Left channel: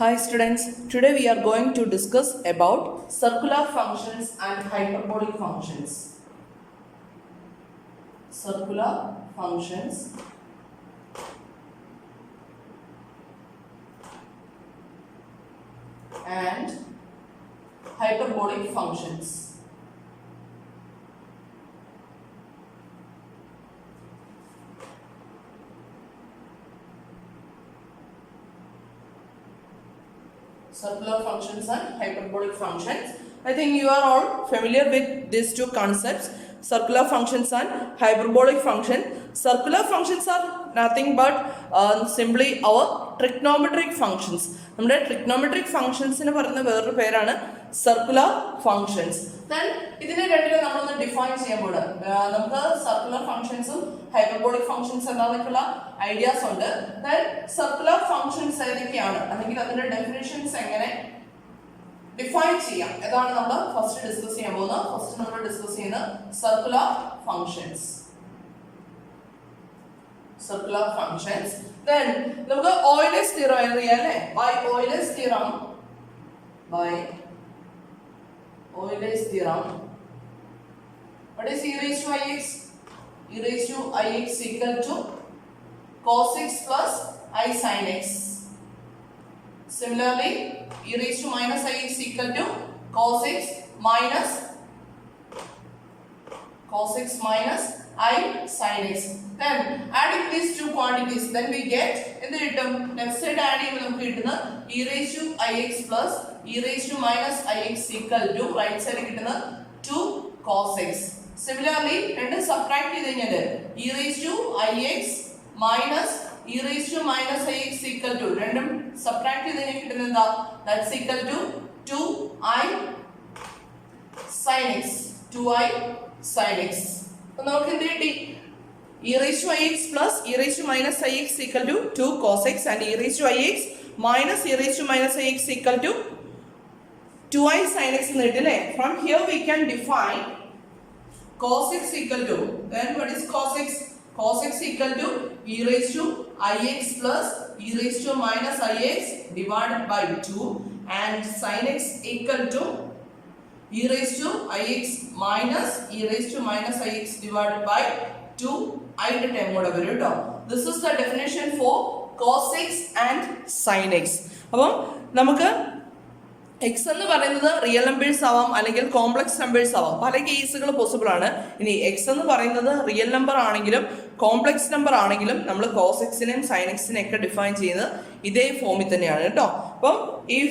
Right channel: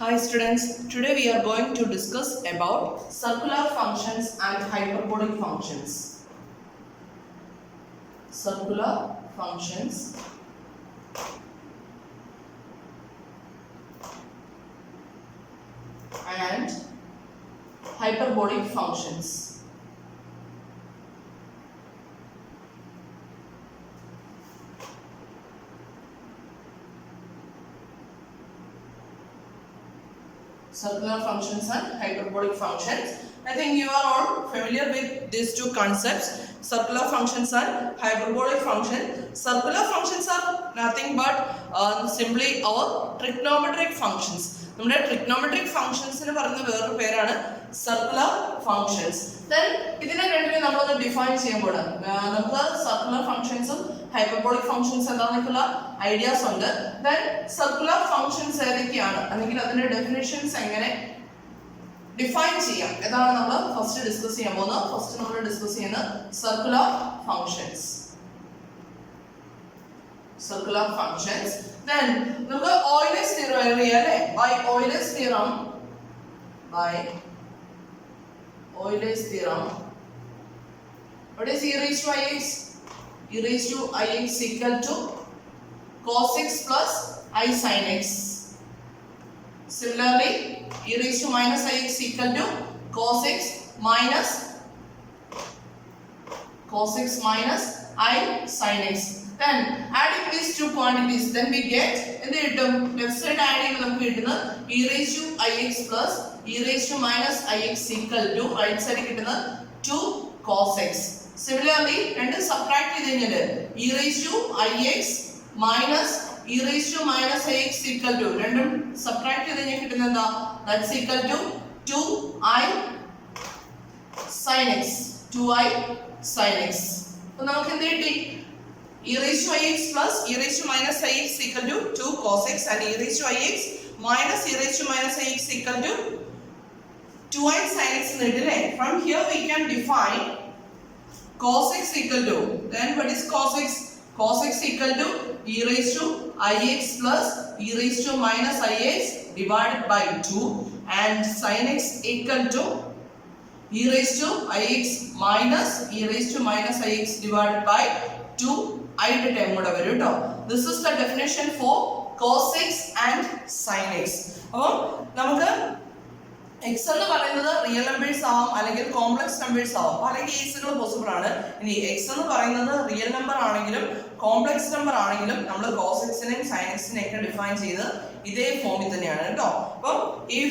Hi students, today we are going to discuss about circular functions and hyperbolic functions. Circular functions and hyperbolic functions. Circular functions and hyperbolic functions. I think you are all familiar with these two concepts, circular functions and hyperbolic function. Circular functions are nothing but simply our trigonometric functions. നമ്മുടെ trigonometric ഫംഗ്ഷൻസിന് പറയുന്ന വേറൊരു പേരാണ് circular functions. Then ഇതിനെ രണ്ടിനെ നമ്മളൊന്ന് define ചെയ്യുമ്പോൾ നമുക്ക് circular ഫംഗ്ഷൻസും hyperbolic functions എന്താണെന്നൊക്കെയുള്ള ideas ഉണ്ട്. ദെൻ സർക്കുലർ ഫംഗ്ഷൻസ് ഏതൊക്കെയാണ് അല്ലെങ്കിൽ അതിന്റെ ഡെഫിനിഷൻസ് എങ്ങനെ ഡിഫൈൻ ചെയ്യാം ഇതാണ് നമ്മൾ ഫസ്റ്റ് ഡിസ്കസ് ചെയ്യാൻ പോകുന്നത്. ഫസ്റ്റ് നമ്മൾ ഡിസ്കസ് ചെയ്യുന്നത് circular functions. Circular functions. Then നമുക്ക് Euler's theorem അറിയാം അല്ലേ? By Euler's theorem, what is e raised to ix? E raised to ix equal to cos x plus I sin x. Similarly, e raised to minus ix equal to cos x minus I sin x. Then adding these two quantities, then we get in the term left side add ചെയ്യുമ്പോൾ നമുക്ക് കിട്ടുന്ന e raised to ix plus e raised to minus ix equal to right side കിട്ടുന്ന 2 cos x. Similarly രണ്ട് subtract ചെയ്ത് കഴിഞ്ഞാൽ e raised to ix minus e raised to minus ix equal to രണ്ടും subtract ചെയ്ത് കഴിഞ്ഞാൽ കിട്ടുന്ന എന്താ, that's equal to 2i sin x. 2i sin x. അപ്പോൾ നമുക്ക് എന്ത് കിട്ടി? e raised to ix plus e raised to minus ix equal to 2 cos x and e raised to ix minus e raised to minus ix equal to 2i sin x എന്ന് കിട്ടില്ലേ? From here we can define cos x equal to, then what is cos x? Cos x equal to e raised to ix plus e raised to minus ix divided by 2 and sin x equal to e raised to ix minus e raised to minus ix divided by 2 I term കൂടെ വരും കേട്ടോ. This is the definition for cos x and sin x. അപ്പോൾ നമുക്ക് x എന്ന് പറയുന്നത് real numbers ആവാം അല്ലെങ്കിൽ complex numbers ആവാം, പല കേസുകൾ പോസിബിൾ ആണ്. ഇനി x എന്ന് പറയുന്നത് റിയൽ നമ്പർ ആണെങ്കിലും കോംപ്ലക്സ് നമ്പർ ആണെങ്കിലും നമ്മൾ cos x നെയും sin x നെയും ഒക്കെ ഡിഫൈൻ ചെയ്യുന്നത് ഇതേ ഫോമിൽ തന്നെയാണ് കേട്ടോ. അപ്പം if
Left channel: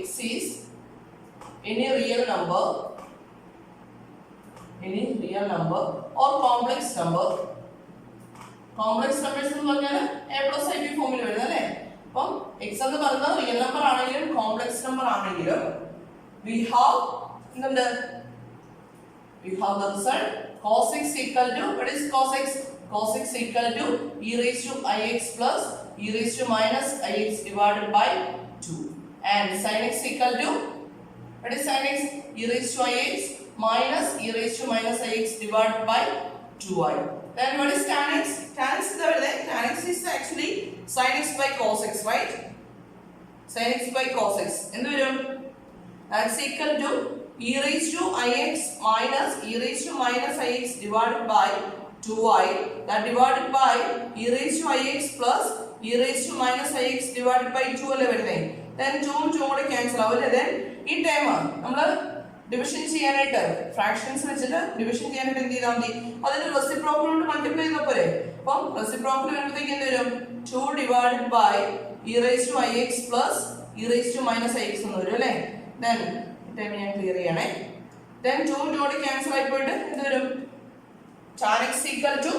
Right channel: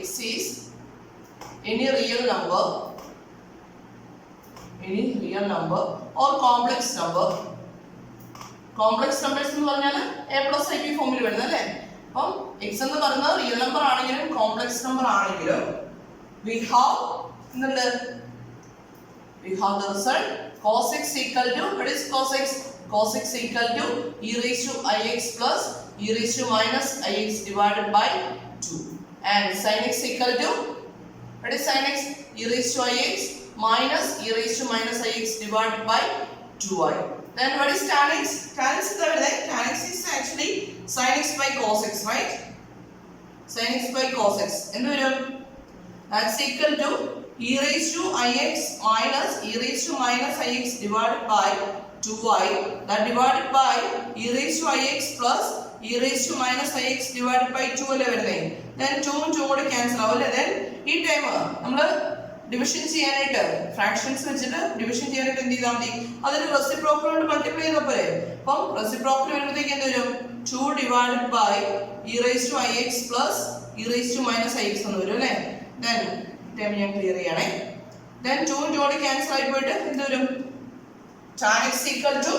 x is any real number or complex numbers എന്ന് പറഞ്ഞാൽ a plus ib ഫോമിൽ വരുന്നത് അല്ലേ? അപ്പം x എന്ന് പറയുന്നത് റിയൽ നമ്പർ ആണെങ്കിലും കോംപ്ലക്സ് നമ്പർ ആണെങ്കിലും we have the result cos x equal to, what is cos x? Cos x equal to e raised to ix plus e raised to minus ix divided by 2 and sin x equal to, what is sin x? E raised to ix minus e raised to minus ix divided by 2i. Then what is tan x? Tan x is tan x is actually sin x by cos x, right? Sin x by cos x. എന്ത് വരും? That's equal to e raised to ix minus e raised to minus ix divided by 2i, that divided by e raised to ix plus e raised to minus ix divided by 2 അല്ലേ വരുന്നത്. Then 2 ഉം 2 കൂടെ cancel ആവും അല്ലേ? Then ഈ time നമ്മൾ division ചെയ്യാനായിട്ട് fractions വെച്ചിട്ട് ഡിവിഷൻ ചെയ്യാനായിട്ട് എന്ത് ചെയ്താൽ മതി? അതിന് റെസിപ്രോക്കൽ കൊണ്ട് മൾട്ടിപ്ലൈ ചെയ്താൽ പോരെ. അപ്പം റെസിപ്രോക്കൽ വരുമ്പോഴത്തേക്ക് എന്ത് വരും? 2 divided by e raised to ix plus e raised to minus ix എന്ന് വരും അല്ലേ? Then ടൈം ഞാൻ ക്ലിയർ ചെയ്യണേ. Then 2 ഉം 2 കൂടെ ക്യാൻസൽ ആയി പോയിട്ട് എന്ത് വരും? tan x equal to,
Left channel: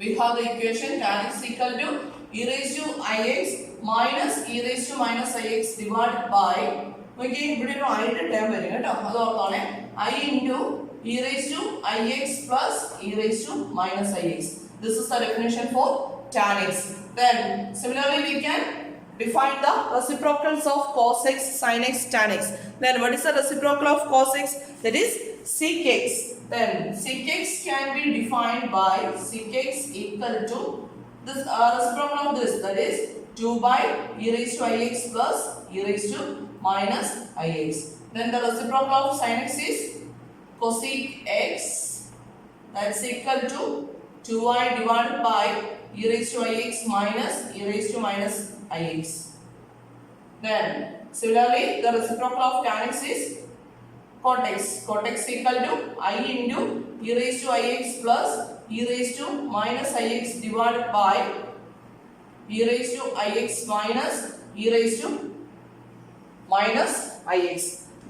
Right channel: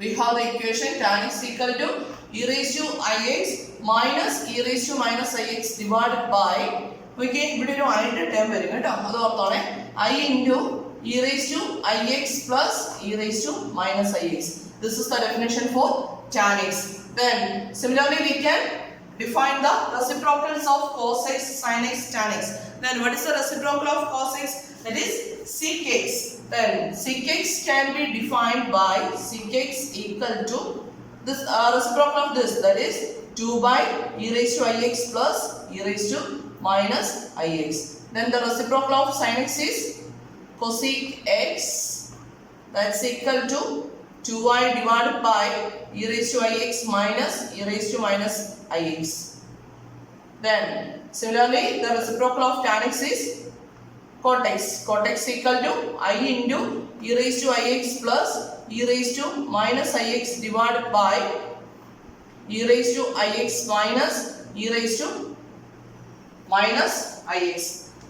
we have the equation tan x equal to e raised to ix minus e raised to minus ix divided by, okay, ഇവിടെ ഒരു ആയിട്ട് ടേം വരും കേട്ടോ, അത് ഓർത്തോണേ. I into e raised to ix plus e raised to minus ix. This is the definition for tan x. Then similarly we can define the reciprocals of cos x, sin x, tan x. Then what is the reciprocal of cos x? That is sec x. Then sec x can be defined by sec x equal to this reciprocal of this, that is 2 by e raised to ix plus e raised to minus ix. Then the reciprocal of sin x is cosec x, that's equal to 2y divided by e raised to ix minus e raised to minus ix. Then similarly the reciprocal of tan x is cot x. Cot x equal to I into e raised to ix plus e raised to minus ix divided by e raised to ix minus e raised to minus ix.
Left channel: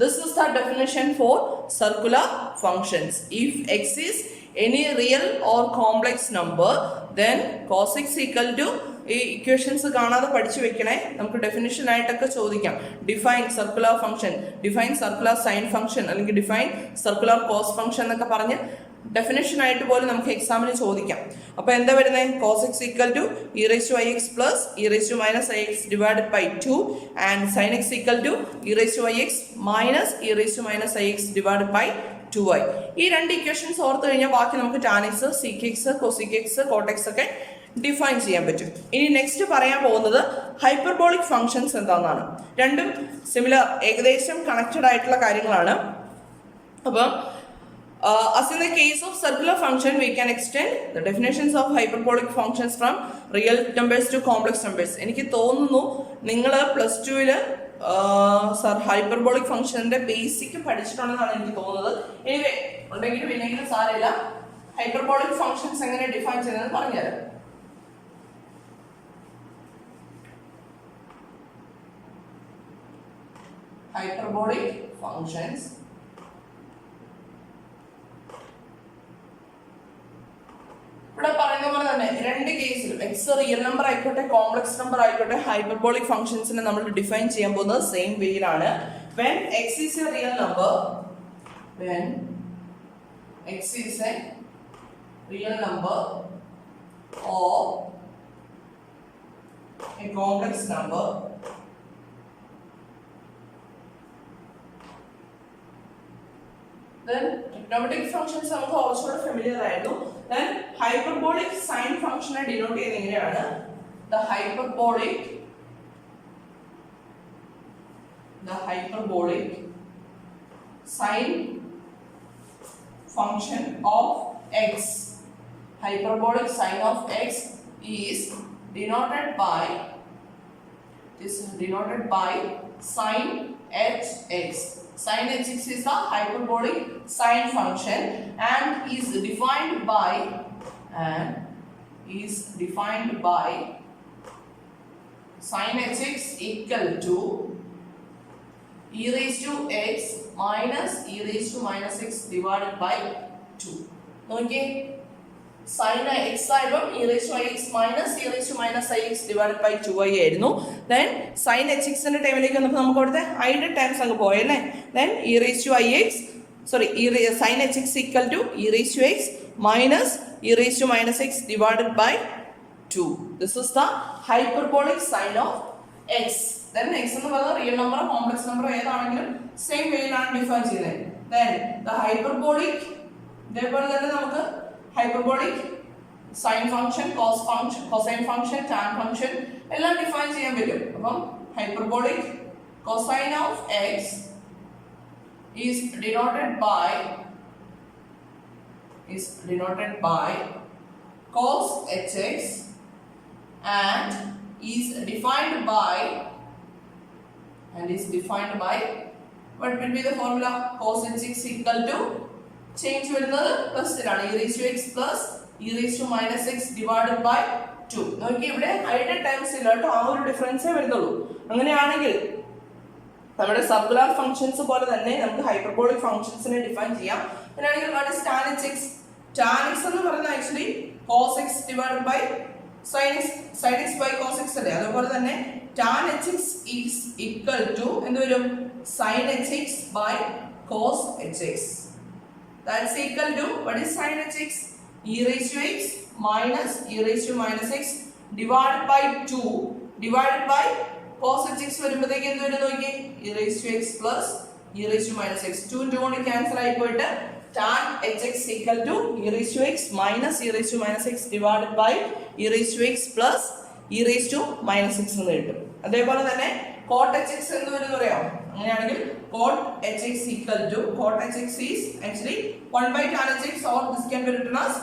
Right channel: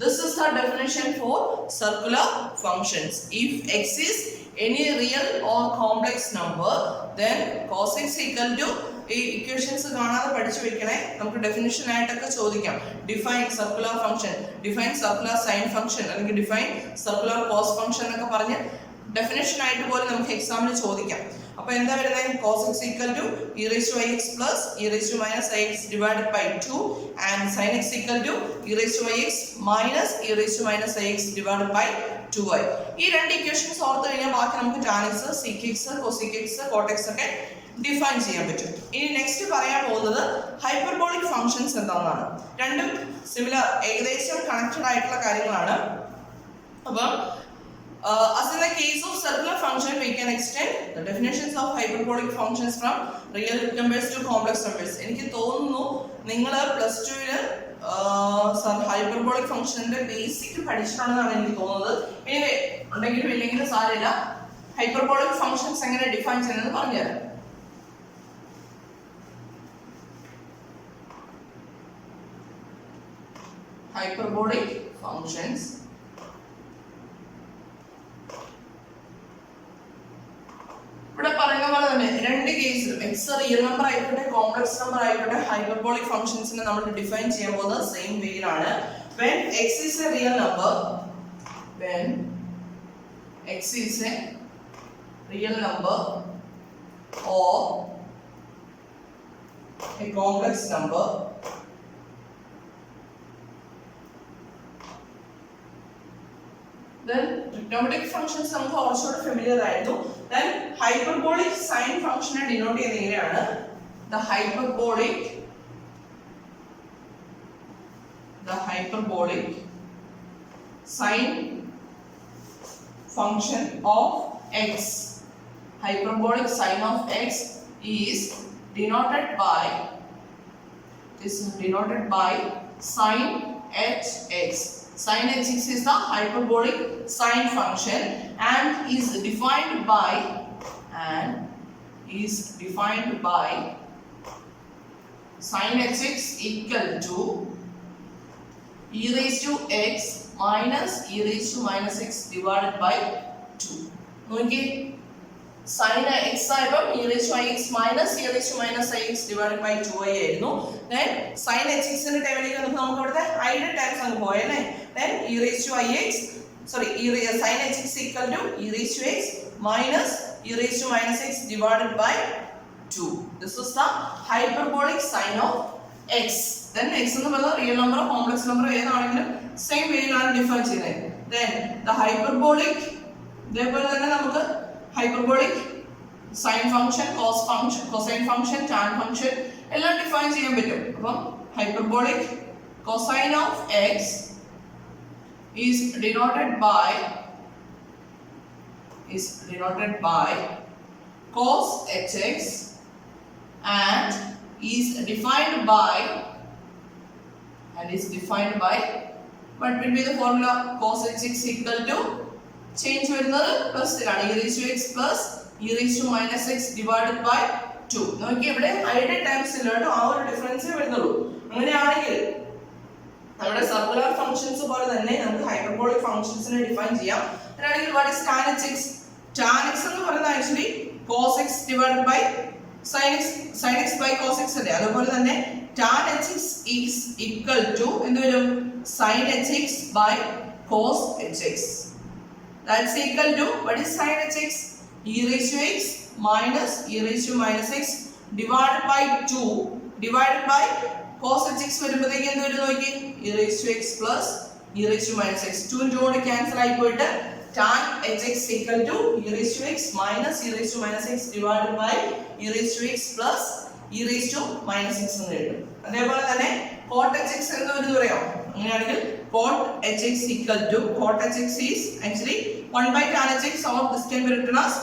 This is the definition for circular functions. If x is any real or complex number, then cos x equal to ഈ equations കാണാതെ പഠിച്ചു വെക്കണേ. നമുക്ക് definition ആയിട്ടൊക്കെ ചോദിക്കാം. Define circular function, define circular sine function, അല്ലെങ്കിൽ define circular cos function എന്നൊക്കെ പറഞ്ഞ് ഡെഫിനിഷൻ ആയിട്ട് പോലും നമുക്ക് എക്സാമിന് ചോദിക്കാം. അപ്പോൾ എന്താ വരുന്നത്? cos x equal to e raised to ix plus e raised to minus ix divided by 2 and sin x equal to e raised to ix minus e raised to minus ix divided by 2y. ഈ രണ്ട് equations ഓർത്ത് കഴിഞ്ഞാൽ ബാക്കി നമുക്ക് tan x, sec x, cosec x, cot x ഒക്കെ define ചെയ്യാൻ പറ്റും. ഇനി നെക്സ്റ്റ് പറയാൻ പോകുന്നത് ഹൈപ്പർബോളിക് ഫംഗ്ഷൻസ് എന്താണെന്നാണ്. രണ്ടും സിമിലർ, ഏകദേശം കണക്റ്റഡ് ആയിട്ടുള്ള കാര്യങ്ങളാണ്. അപ്പം as in the case of circular function, we can extend the definitions of hyperbolic functions from real numbers to complex numbers. എനിക്ക് തോന്നുന്നു നിങ്ങൾ പ്ലസ് ടുവിൽ ഹൈപ്പർബോളിക് ഫംഗ്ഷന്റെ ബേസിക് പഠിച്ചിട്ടുണ്ടെന്നാണ് എനിക്ക് തോന്നുന്നത്. എനിവേ ഉണ്ടെങ്കിലും ഇല്ലെങ്കിലും സാരമില്ല, ഹൈപ്പർബോളിക് ഫംഗ്ഷൻസ് എങ്ങനെ ഡിഫൈൻ ചെയ്യുന്നത് പറഞ്ഞുതരാം. Hyperbolic functions ഇവിടെ പറയുന്ന പോലെ തന്നെ രണ്ട് കേസിലും എക്സ് റിയൽ നമ്പർ ആയിക്കോട്ടെ കോംപ്ലക്സ് നമ്പർ ആയിക്കോട്ടെ ഹൈപ്പർബോളിക് ഫംഗ്ഷൻസിനെ നമ്മൾ ഡിഫൈൻ ചെയ്യാൻ പോകുന്നത് same വേയിലാണ്. when x is a real number, when x is a real number or a complex number, then trigonometric functions നമുക്ക് കുറച്ചുകൂടെ ഫെമിലിയർ ആയിരുന്നു. then hyperbolic sin function denote ചെയ്യുന്നത് എങ്ങനെയാണ്? the hyperbolic sin function of x, hyperbolic sin of x is denoted by sin hx. Sin hx is the hyperbolic sin function and is defined by sin hx equal to e raised to x minus e raised to minus x divided by 2. നോക്കിയേ, sin x ആയപ്പോൾ e raised to ix minus e raised to minus ix divided by 2y ആയിരുന്നു. then sin hx ന്റെ ടൈമിലേക്ക് വന്നപ്പോൾ നമുക്ക് അവിടുത്തെ i ന്റെ times അങ്ങ് പോയല്ലേ. then e raised to ix sin hx equal to e raised to x minus e raised to minus x divided by 2. this is the hyperbolic sin of x. then x എന്ന് പറയുന്നത് real number complex number ഏതാണെങ്കിലും same വേയിലാണ് define ചെയ്യുന്നത്. then the hyperbolic, ഇതേപോലെ തന്നെ നമുക്ക് hyperbolic sine function, cos function, cosine function, tan function എല്ലാം define ചെയ്യാൻ പറ്റും. അപ്പം hyperbolic cosine of x is denoted by cos hx and is defined by what will be the formula? cos hx equal to change വരുന്നത് പ്ലസിലാണ് e raised to x plus e raised to minus x divided by 2. നോക്കി ഇവിടെ ഐയുടെ times ഇല്ല കേട്ടോ, ആ ഒരു ഡിഫറൻസേ വരുന്നുള്ളൂ. അങ്ങനെയാണെങ്കിൽ നമ്മുടെ സർക്കുലർ ഫംഗ്ഷൻസ് പോലെ തന്നെ നമുക്ക് ഹൈപ്പർബോളിക് ഫംഗ്ഷൻസിനെ ഡിഫൈൻ ചെയ്യാം. അങ്ങനെയാണെങ്കിൽ what is tan hx? tan x എന്ന് പറയുന്നത് actually cos x divided by sin x by cos x അല്ലേ. അതുപോലെ തന്നെ tan hx is equal to എന്ത് വരും? sin hx by cos hx. That's equal to what is sin hx? e raised to x minus e raised to minus x divided by 2 divided by cos hx വരുമ്പോഴത്തേക്ക് എന്ത് വരും നോക്കി? e raised to x plus e raised to minus x. 2 കൊണ്ട് cancel ആയി പോയിട്ട് tan hx equal to e raised to x minus e raised to minus x divided by e raised to x plus e raised to minus x എന്ന് എഴുതും. അതേപോലെ തന്നെ cot hx എന്ന് വരുന്നത് പറയാം. അങ്ങനെയാണെങ്കിൽ cot hx equal to cot hx is actually 1 by tan hx or this can be written as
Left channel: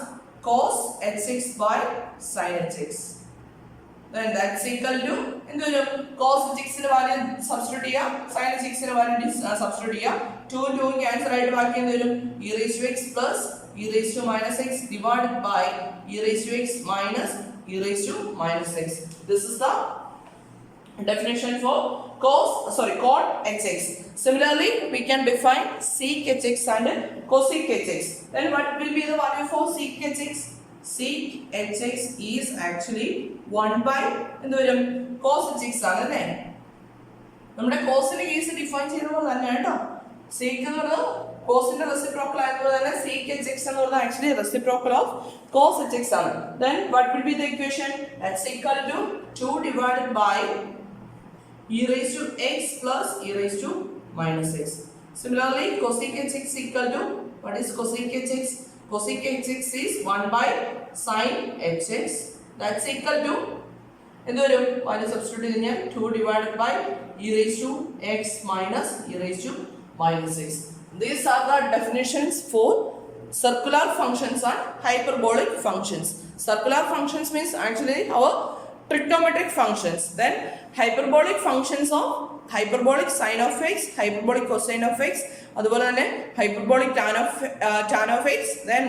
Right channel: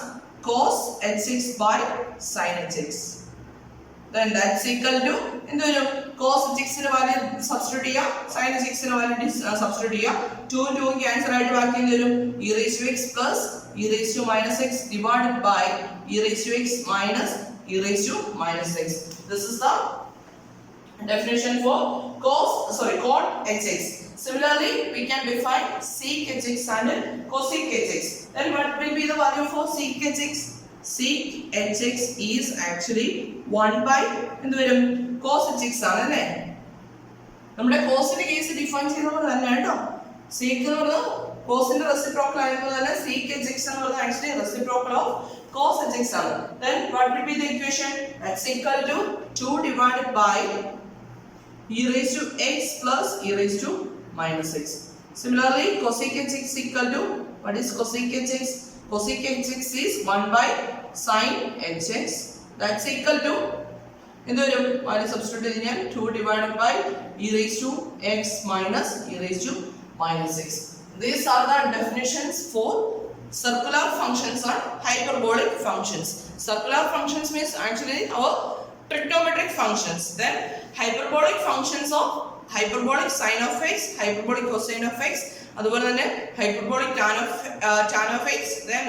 cos hx by sin hx. Then that's equal to എന്ത് വരും? cos hx ന്റെ വാല്യൂ സബ്സ്റ്റിറ്റ്യൂട്ട് ചെയ്യാം, sin hx ന്റെ value substitute ചെയ്യാം. 2 2 cancel ആയിട്ട് ബാക്കി എന്ത് വരും? e raised to x plus e raised to minus x divided by e raised to x minus e raised to minus x. This is the definition for cot hx. Similarly, we can define sec hx and cosec hx. Then what will be the value for sec hx? Sec hx is actually 1 by എന്ത് വരും? cos hx ആണ് അല്ലേ? നമ്മുടെ cosന്റെ case define ചെയ്യുന്നത് തന്നെ കേട്ടോ. sec എന്ന് പറയുന്നത് cosന്റെ റെസിപ്രോക്കൽ ആയതുപോലെ തന്നെ sec hx എന്ന് പറയുന്നത് actually reciprocal of cos hx ആണ്. Then what will be the equation? That's equal to 2 divided by e raised to x plus e raised to minus x. Similarly, cosec hx equal to what is cosec hx? Cosec hx is 1 by sin hx. That's equal to എന്ത് വരും? Value substitute ചെയ്താൽ 2 divided by e raised to x minus e raised to minus x. These are the definitions for circular functions and hyperbolic functions. Circular functions means actually our trigonometric functions. Then hyperbolic functions of hyperbolic sin of x, hyperbolic cosine of x, അതുപോലെ തന്നെ hyperbolic tan of x, then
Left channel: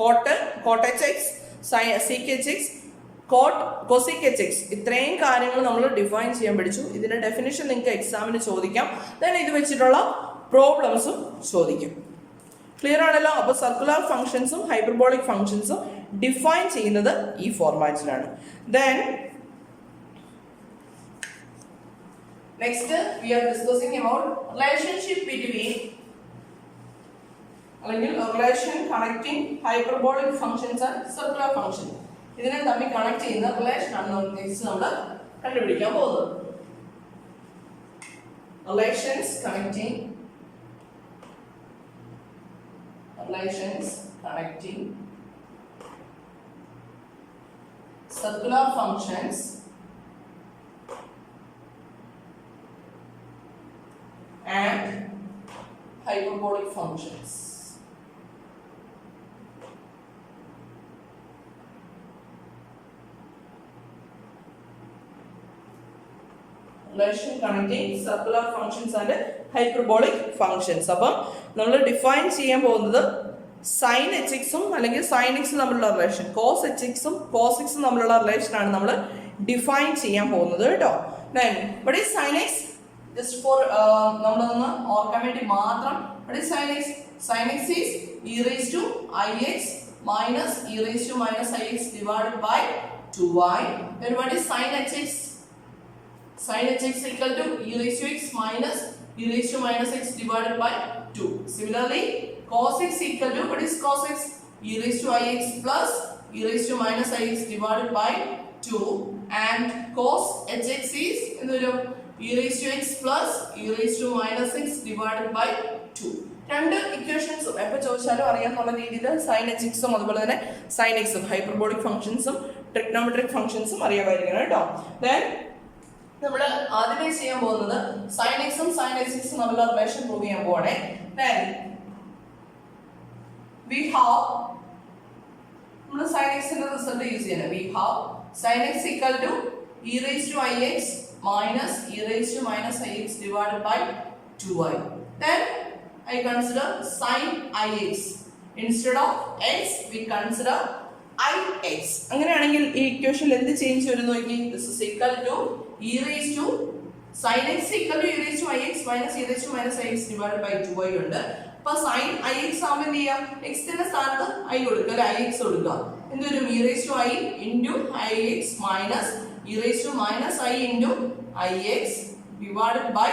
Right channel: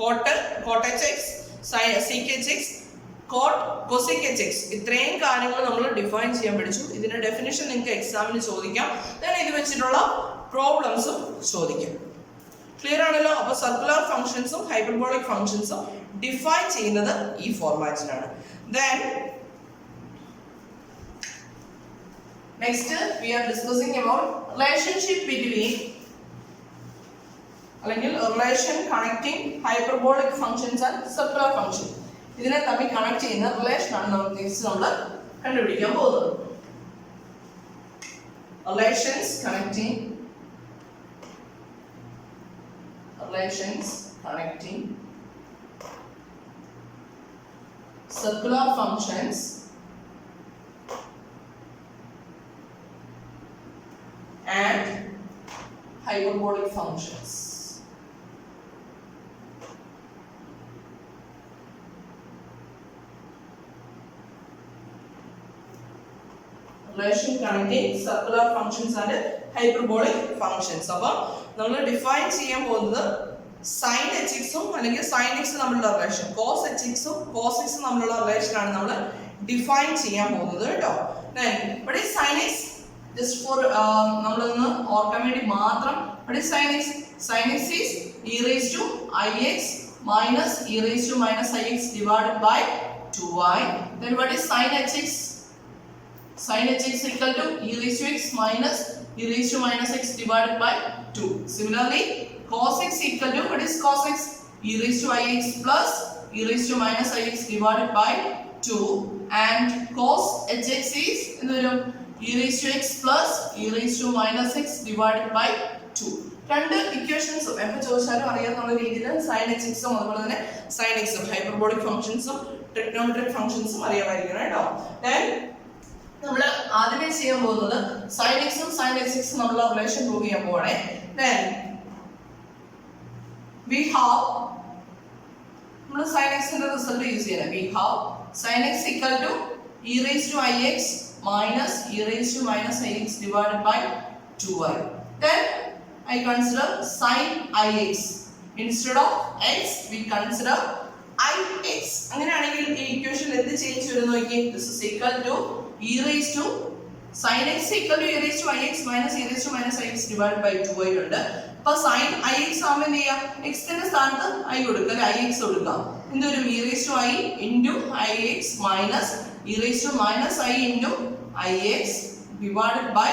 cot hx, sec hx, cosec hx. ഇത്രയും കാര്യങ്ങൾ നമ്മൾ define ചെയ്യാൻ പഠിച്ചു. ഇതിന്റെ definition നിങ്ങൾക്ക് എക്സാമിന് ചോദിക്കാം. then ഇത് വെച്ചിട്ടുള്ള പ്രോബ്ലംസും ചോദിക്കാം. ക്ലിയർ ആണല്ലോ? അപ്പോൾ സർക്കുലർ ഫംഗ്ഷൻസും ഹൈപ്പർബോളിക് ഫംഗ്ഷൻസും ഡിഫൈൻ ചെയ്യുന്നത് ഈ ഫോർമാറ്റിലാണ്. then next we are discussing about relationship between അല്ലെങ്കിൽ relation connecting hyperbolic functions and circular function. ഇതിനെ തമ്മിൽ കണക്ട് ചെയ്യുന്ന റിലേഷൻ ആണ് നമ്മൾ കണ്ടുപിടിക്കാൻ പോകുന്നത്. relations connecting circular functions and hyperbolic functions. Relation connecting circular functions and hyperbolic functions. അപ്പോൾ നമ്മൾ ഡിഫൈൻ ചെയ്യാൻ പോകുന്നത് sin hx-ഉം അല്ലെങ്കിൽ sin x തമ്മിലുള്ള റിലേഷൻ, cos hx-ഉം cos x-ഉം തമ്മിലുള്ള റിലേഷൻ ആണ് നമ്മൾ ഡിഫൈൻ ചെയ്യാൻ പോകുന്നത് കേട്ടോ. then what is sin x? just for നമ്മളൊന്ന് ഓർക്കാൻ വേണ്ടി മാത്രം, what is sin x? sin x is e raised to ix minus e raised to minus ix divided by 2y. then what is sin hx? sin hx equal to e raised to x minus e raised to minus x divided by 2. Similarly, cos x equal to what is cos x? e raised to ix plus e raised to minus ix divided by 2, and cos hx is e raised to x plus e raised to minus x divided by 2. രണ്ട് ഇക്വേഷൻസും എപ്പോൾ ചോദിച്ചാലും അറിയാവുന്ന രീതിയിൽ sin hx-ഉം അതുപോലെ തന്നെ sin x-ഉം hyperbolic ഫംഗ്ഷൻസും trigonometric ഫംഗ്ഷൻസും അറിയാമായിരിക്കണം കേട്ടോ. then നമ്മൾ ആദ്യമേ ചെയ്യാൻ പോകുന്നത് sin x-ഉം sin hx-ഉം തമ്മിലുള്ള റിലേഷൻ പ്രൂവ് ചെയ്യാൻ പോവാണേ. then we have നമ്മൾ sin x ന്റെ റിസൾട്ട് യൂസ് ചെയ്യണം. we have sin x equal to e raised to ix minus e raised to minus ix divided by 2y. then I consider sin ix instead of x we consider ix. അങ്ങനെയാണെങ്കിൽ ഈ ഇക്വേഷനിൽ എന്ത് change വരുന്നു നോക്കി. this is equal to e raised to sin x equal to e raised to ix minus e raised to minus ix divided by 2y ഉണ്ട്. അപ്പോൾ sin ix ആവുമ്പോൾ എന്ത് ചെയ്യാം? x ന്റെ സ്ഥാനത്ത് i കൊടുക്കുക, അല്ലെ ix കൊടുക്കുക. എന്തൊരു e raised to i into ix minus e raised to minus i into ix divided by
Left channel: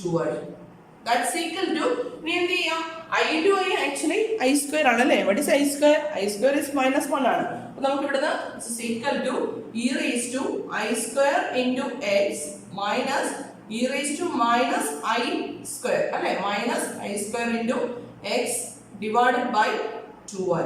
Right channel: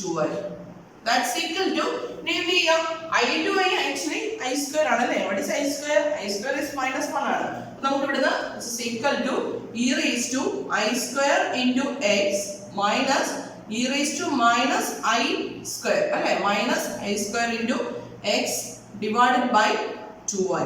2y. that's equal to എന്ത് ചെയ്യാം? i into i actually i square ആണല്ലേ. what is i square? i square is minus 1 ആണ്. നമുക്ക് ഇവിടുന്ന് this is equal to e raised to i square into x minus e raised to minus I square, അല്ലേ? minus I square into x divided by 2y.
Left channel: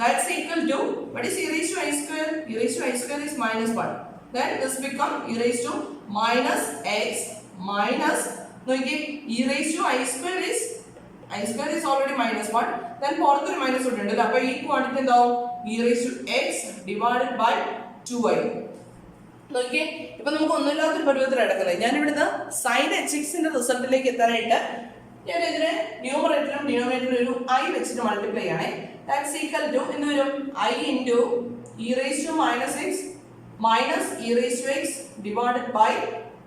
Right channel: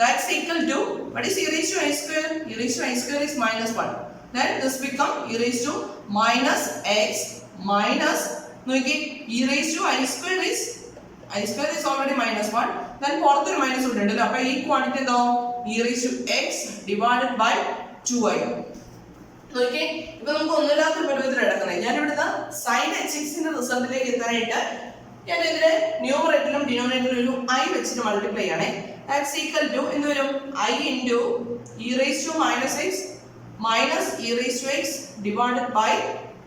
That's equal to, what is e raised to I square? E raised to I square is minus 1. Then this become e raised to minus x minus, e raised to I square is already minus 1. Then പുറത്തൊരു minus ഉണ്ട്. അപ്പോൾ ഈ quantity എന്താവും? e raised to x divided by 2y. നോക്കിയേ, ഇപ്പൊ നമുക്ക് ഒന്നുമില്ലാത്തൊരു പരുവത്തിൽ എടുക്കുന്നത്. ഞാനിവിടുന്ന് സൈൻ എച്ച് എക്സിന്റെ റിസൾട്ടിലേക്ക് എത്താനായിട്ട് ഞാൻ ഇതിനെ ന്യൂമറേറ്ററിലും ഡിനോമിനേറ്ററിലും ഒരു ഐ വെച്ചിട്ട് മൾട്ടിപ്ലൈ ചെയ്യണേ. ദാറ്റ്സ് ഈക്വൽ ടു എന്ത് വരും? I into e raise to minus x minus e raise to x divided by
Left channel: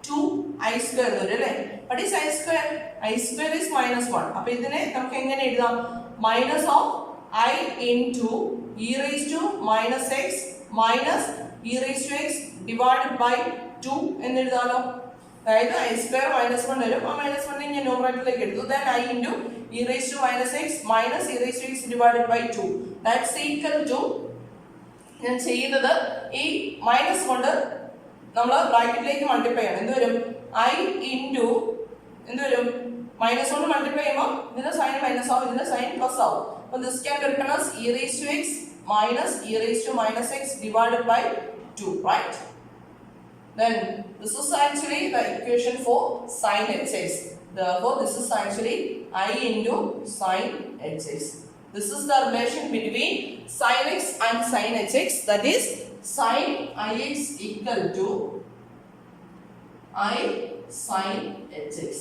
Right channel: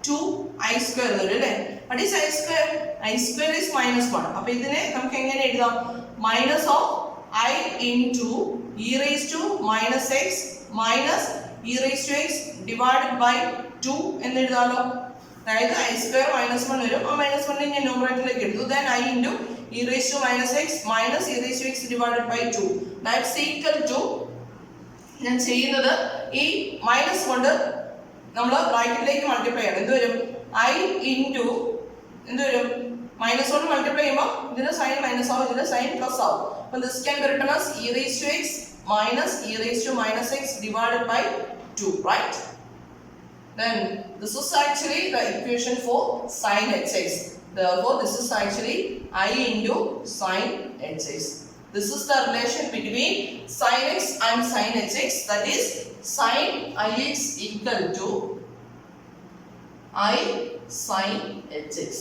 2i square എന്ന് വരും അല്ലേ? What is i square? I square is minus 1. അപ്പൊ ഇതിനെ നമുക്ക് എങ്ങനെ എഴുതാം? Minus of i into e raise to minus x minus e raise to x divided by 2 എന്ന് എഴുതാമല്ലോ. അതായത് ഐ സ്ക്വയർ മൈനസ് 1 വരും. ആ മൈനസ് 1 ഞാൻ ന്യൂമറേറ്ററിലേക്ക് എടുത്തു. Then i into e raise to minus x minus e raise to x divided by 2. That's equal to, ഞാൻ ചെയ്യുന്നത് ഈ മൈനസ് കൊണ്ട് നമ്മൾ ബ്രാക്കറ്റിലേക്ക് മൾട്ടിപ്ലൈ ചെയ്യണം. എന്ത് വരും? ഐ ഇൻറ്റു എന്ത് വരും? മൈനസ് കൊണ്ട് മൾട്ടിപ്ലൈ ചെയ്യുമ്പോൾ ഇതിന്റെ സൈൻ മൈനസ് ആവും, ഇതിന്റെ സൈൻ പ്ലസ് ആവും. അപ്പം this can be written as e raise to x minus e raised to minus x divided by 2, right? Then this is actually the equation for sin hx. Therefore this is actually I into sin hx. This is the relation between sin x and sin hx, that is sin ix equal to I sin hx.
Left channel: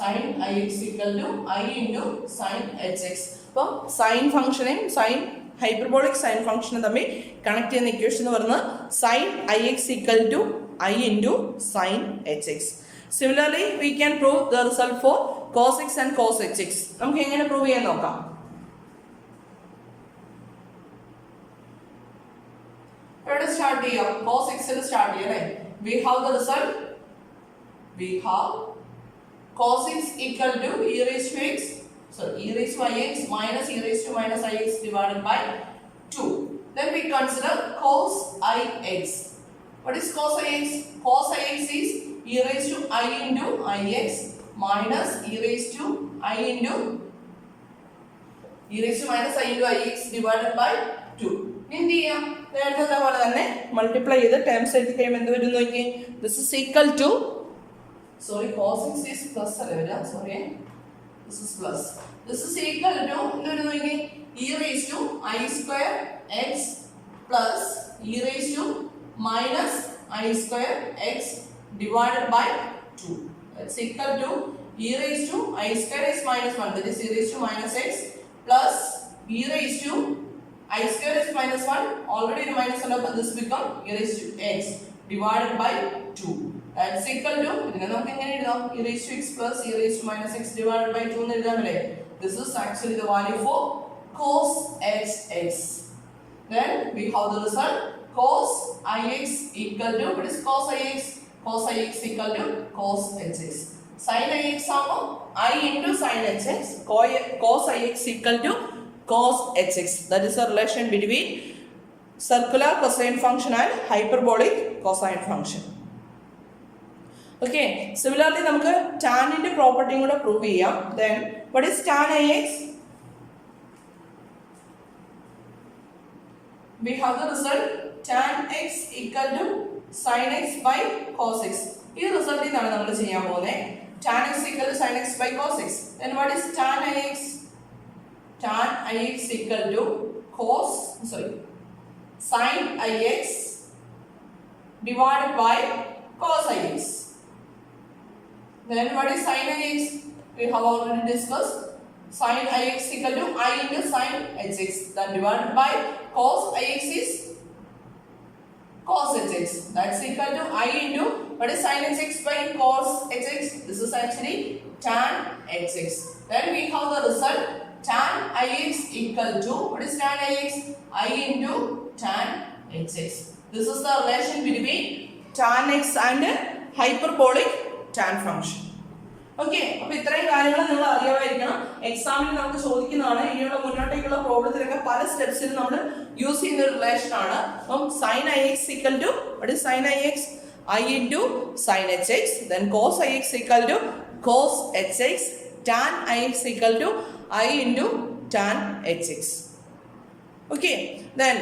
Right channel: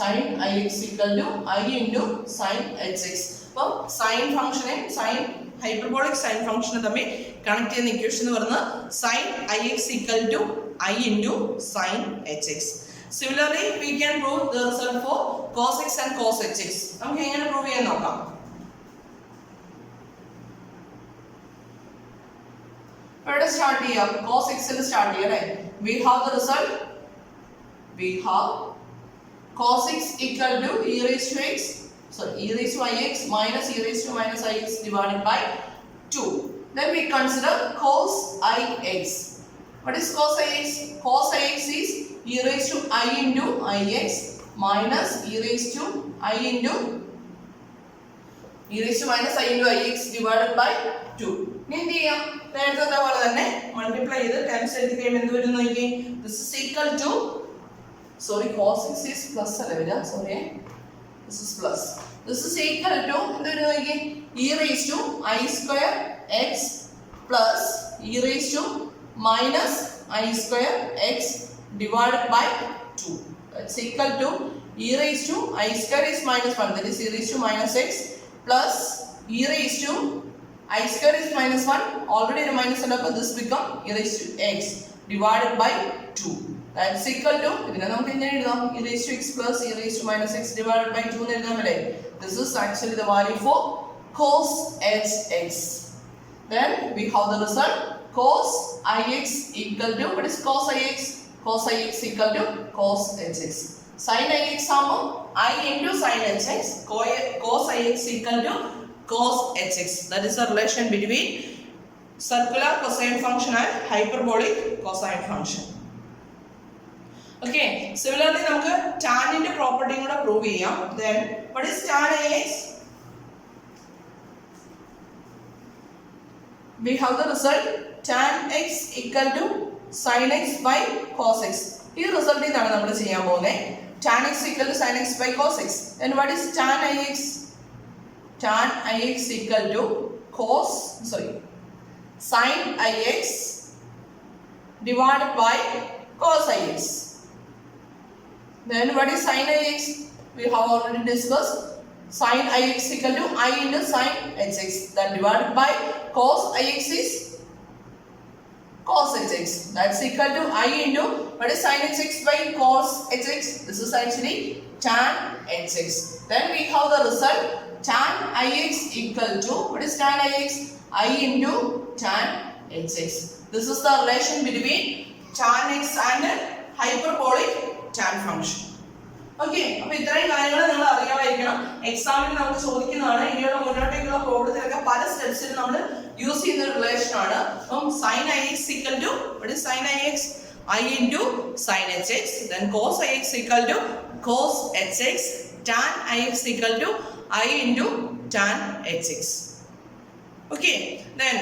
Sin ix equal to I into sin hx. അപ്പോൾ sine ഫംഗ്ഷനെയും sine hyperbolic sine ഫംഗ്ഷനും തമ്മിൽ connect ചെയ്യുന്ന equation എന്ന് പറയുന്നത് sine i x equal to i into sine h x. Similarly we can prove the result for cos x and cos h x. നമുക്ക് എങ്ങനെ prove ചെയ്യാൻ നോക്കാം. എവിടെ സ്റ്റാർട്ട് ചെയ്യാം? കോസ് എക്സിൽ സ്റ്റാർട്ട് ചെയ്യാം അല്ലേ? We have the result. We have cos x equal to e raise to x, so e raised to ix minus e raised to minus ix divided by 2. Then we consider cos ix. What is cos ix? Cos ix is e raised to I into ix minus e raised to I into e raised to minus I into ix divided by 2. എന്ത് ചെയ്യാം? നേരത്തെ പോലെ തന്നെ multiply ചെയ്ത് terms എടുത്ത് കഴിയുമ്പോൾ എന്ത് വരും നോക്കി. This is equal to, sorry cos x is plus അല്ലേ വരിക, sorry this is plus. This is equal to e raised to I square x plus e raised to minus I square x divided by 2. That's equal to e raised to I square is minus 1, that is e raised to minus x plus e raised to I square is minus 1, already in minus 1, but this become e raised to x divided by 2. That's equal to, ഇതിനെ നമുക്ക് എങ്ങനെ എഴുതാം? e raised to x plus e raised to minus x divided by 2 എന്ന് എഴുതാം അല്ലേ? This is actually the value for cos hx. Then we have the result cos ix equal to, what is cos ix? Cos ix equal to cos hx. Sin ix ആകുമ്പോൾ I into sin hx, cos ix equal to cos hx. That is the relation between circular cosine function and hyperbolic cosine function. Okay, similarly നമുക്ക് ടാനിന്റെ പ്രോപ്പർട്ടിയും കൂടെ prove ചെയ്യാം. Then what is tan ix? We have the result tan x equal to sin x by cos x. ഈ റിസൾട്ടിൽ നിന്നാണ് നമ്മൾ ചെയ്യാൻ പോകുന്നത്. tan x equal to sin x by cos x. Then what is tan ix? Tan ix equal to sin ix divided by cos ix. Then what is sin ix? We have already discussed. Sin ix equal to I into sin hx. Then divided by cos ix is cos hx. That's equal to I into, what is sin hx by cos hx? This is actually tan hx. Then we have the result tan ix equal to, what is tan ix? I into tan hx. This is the relation between tan x and hyperbolic tan function. Okay, അപ്പൊ ഇത്രയും കാര്യങ്ങൾ നിങ്ങൾ അറിയാമായിരിക്കണം. എക്സാമിന് നമുക്ക് ചോദിക്കുന്നതാണ്. ഇനിയുള്ള മുന്നോട്ടേക്കുള്ള പ്രോബ്ലത്തിലൊക്കെ പല സ്റ്റെപ്സിൽ നമ്മൾ യൂസ് ചെയ്യുന്ന ഒരു റിലേഷൻ ആണ്. അപ്പം sin ix equal to, what is sin ix? I into sin hx. Then cos ix equal to cos hx. Tan ix equal to I into tan hx. Okay, then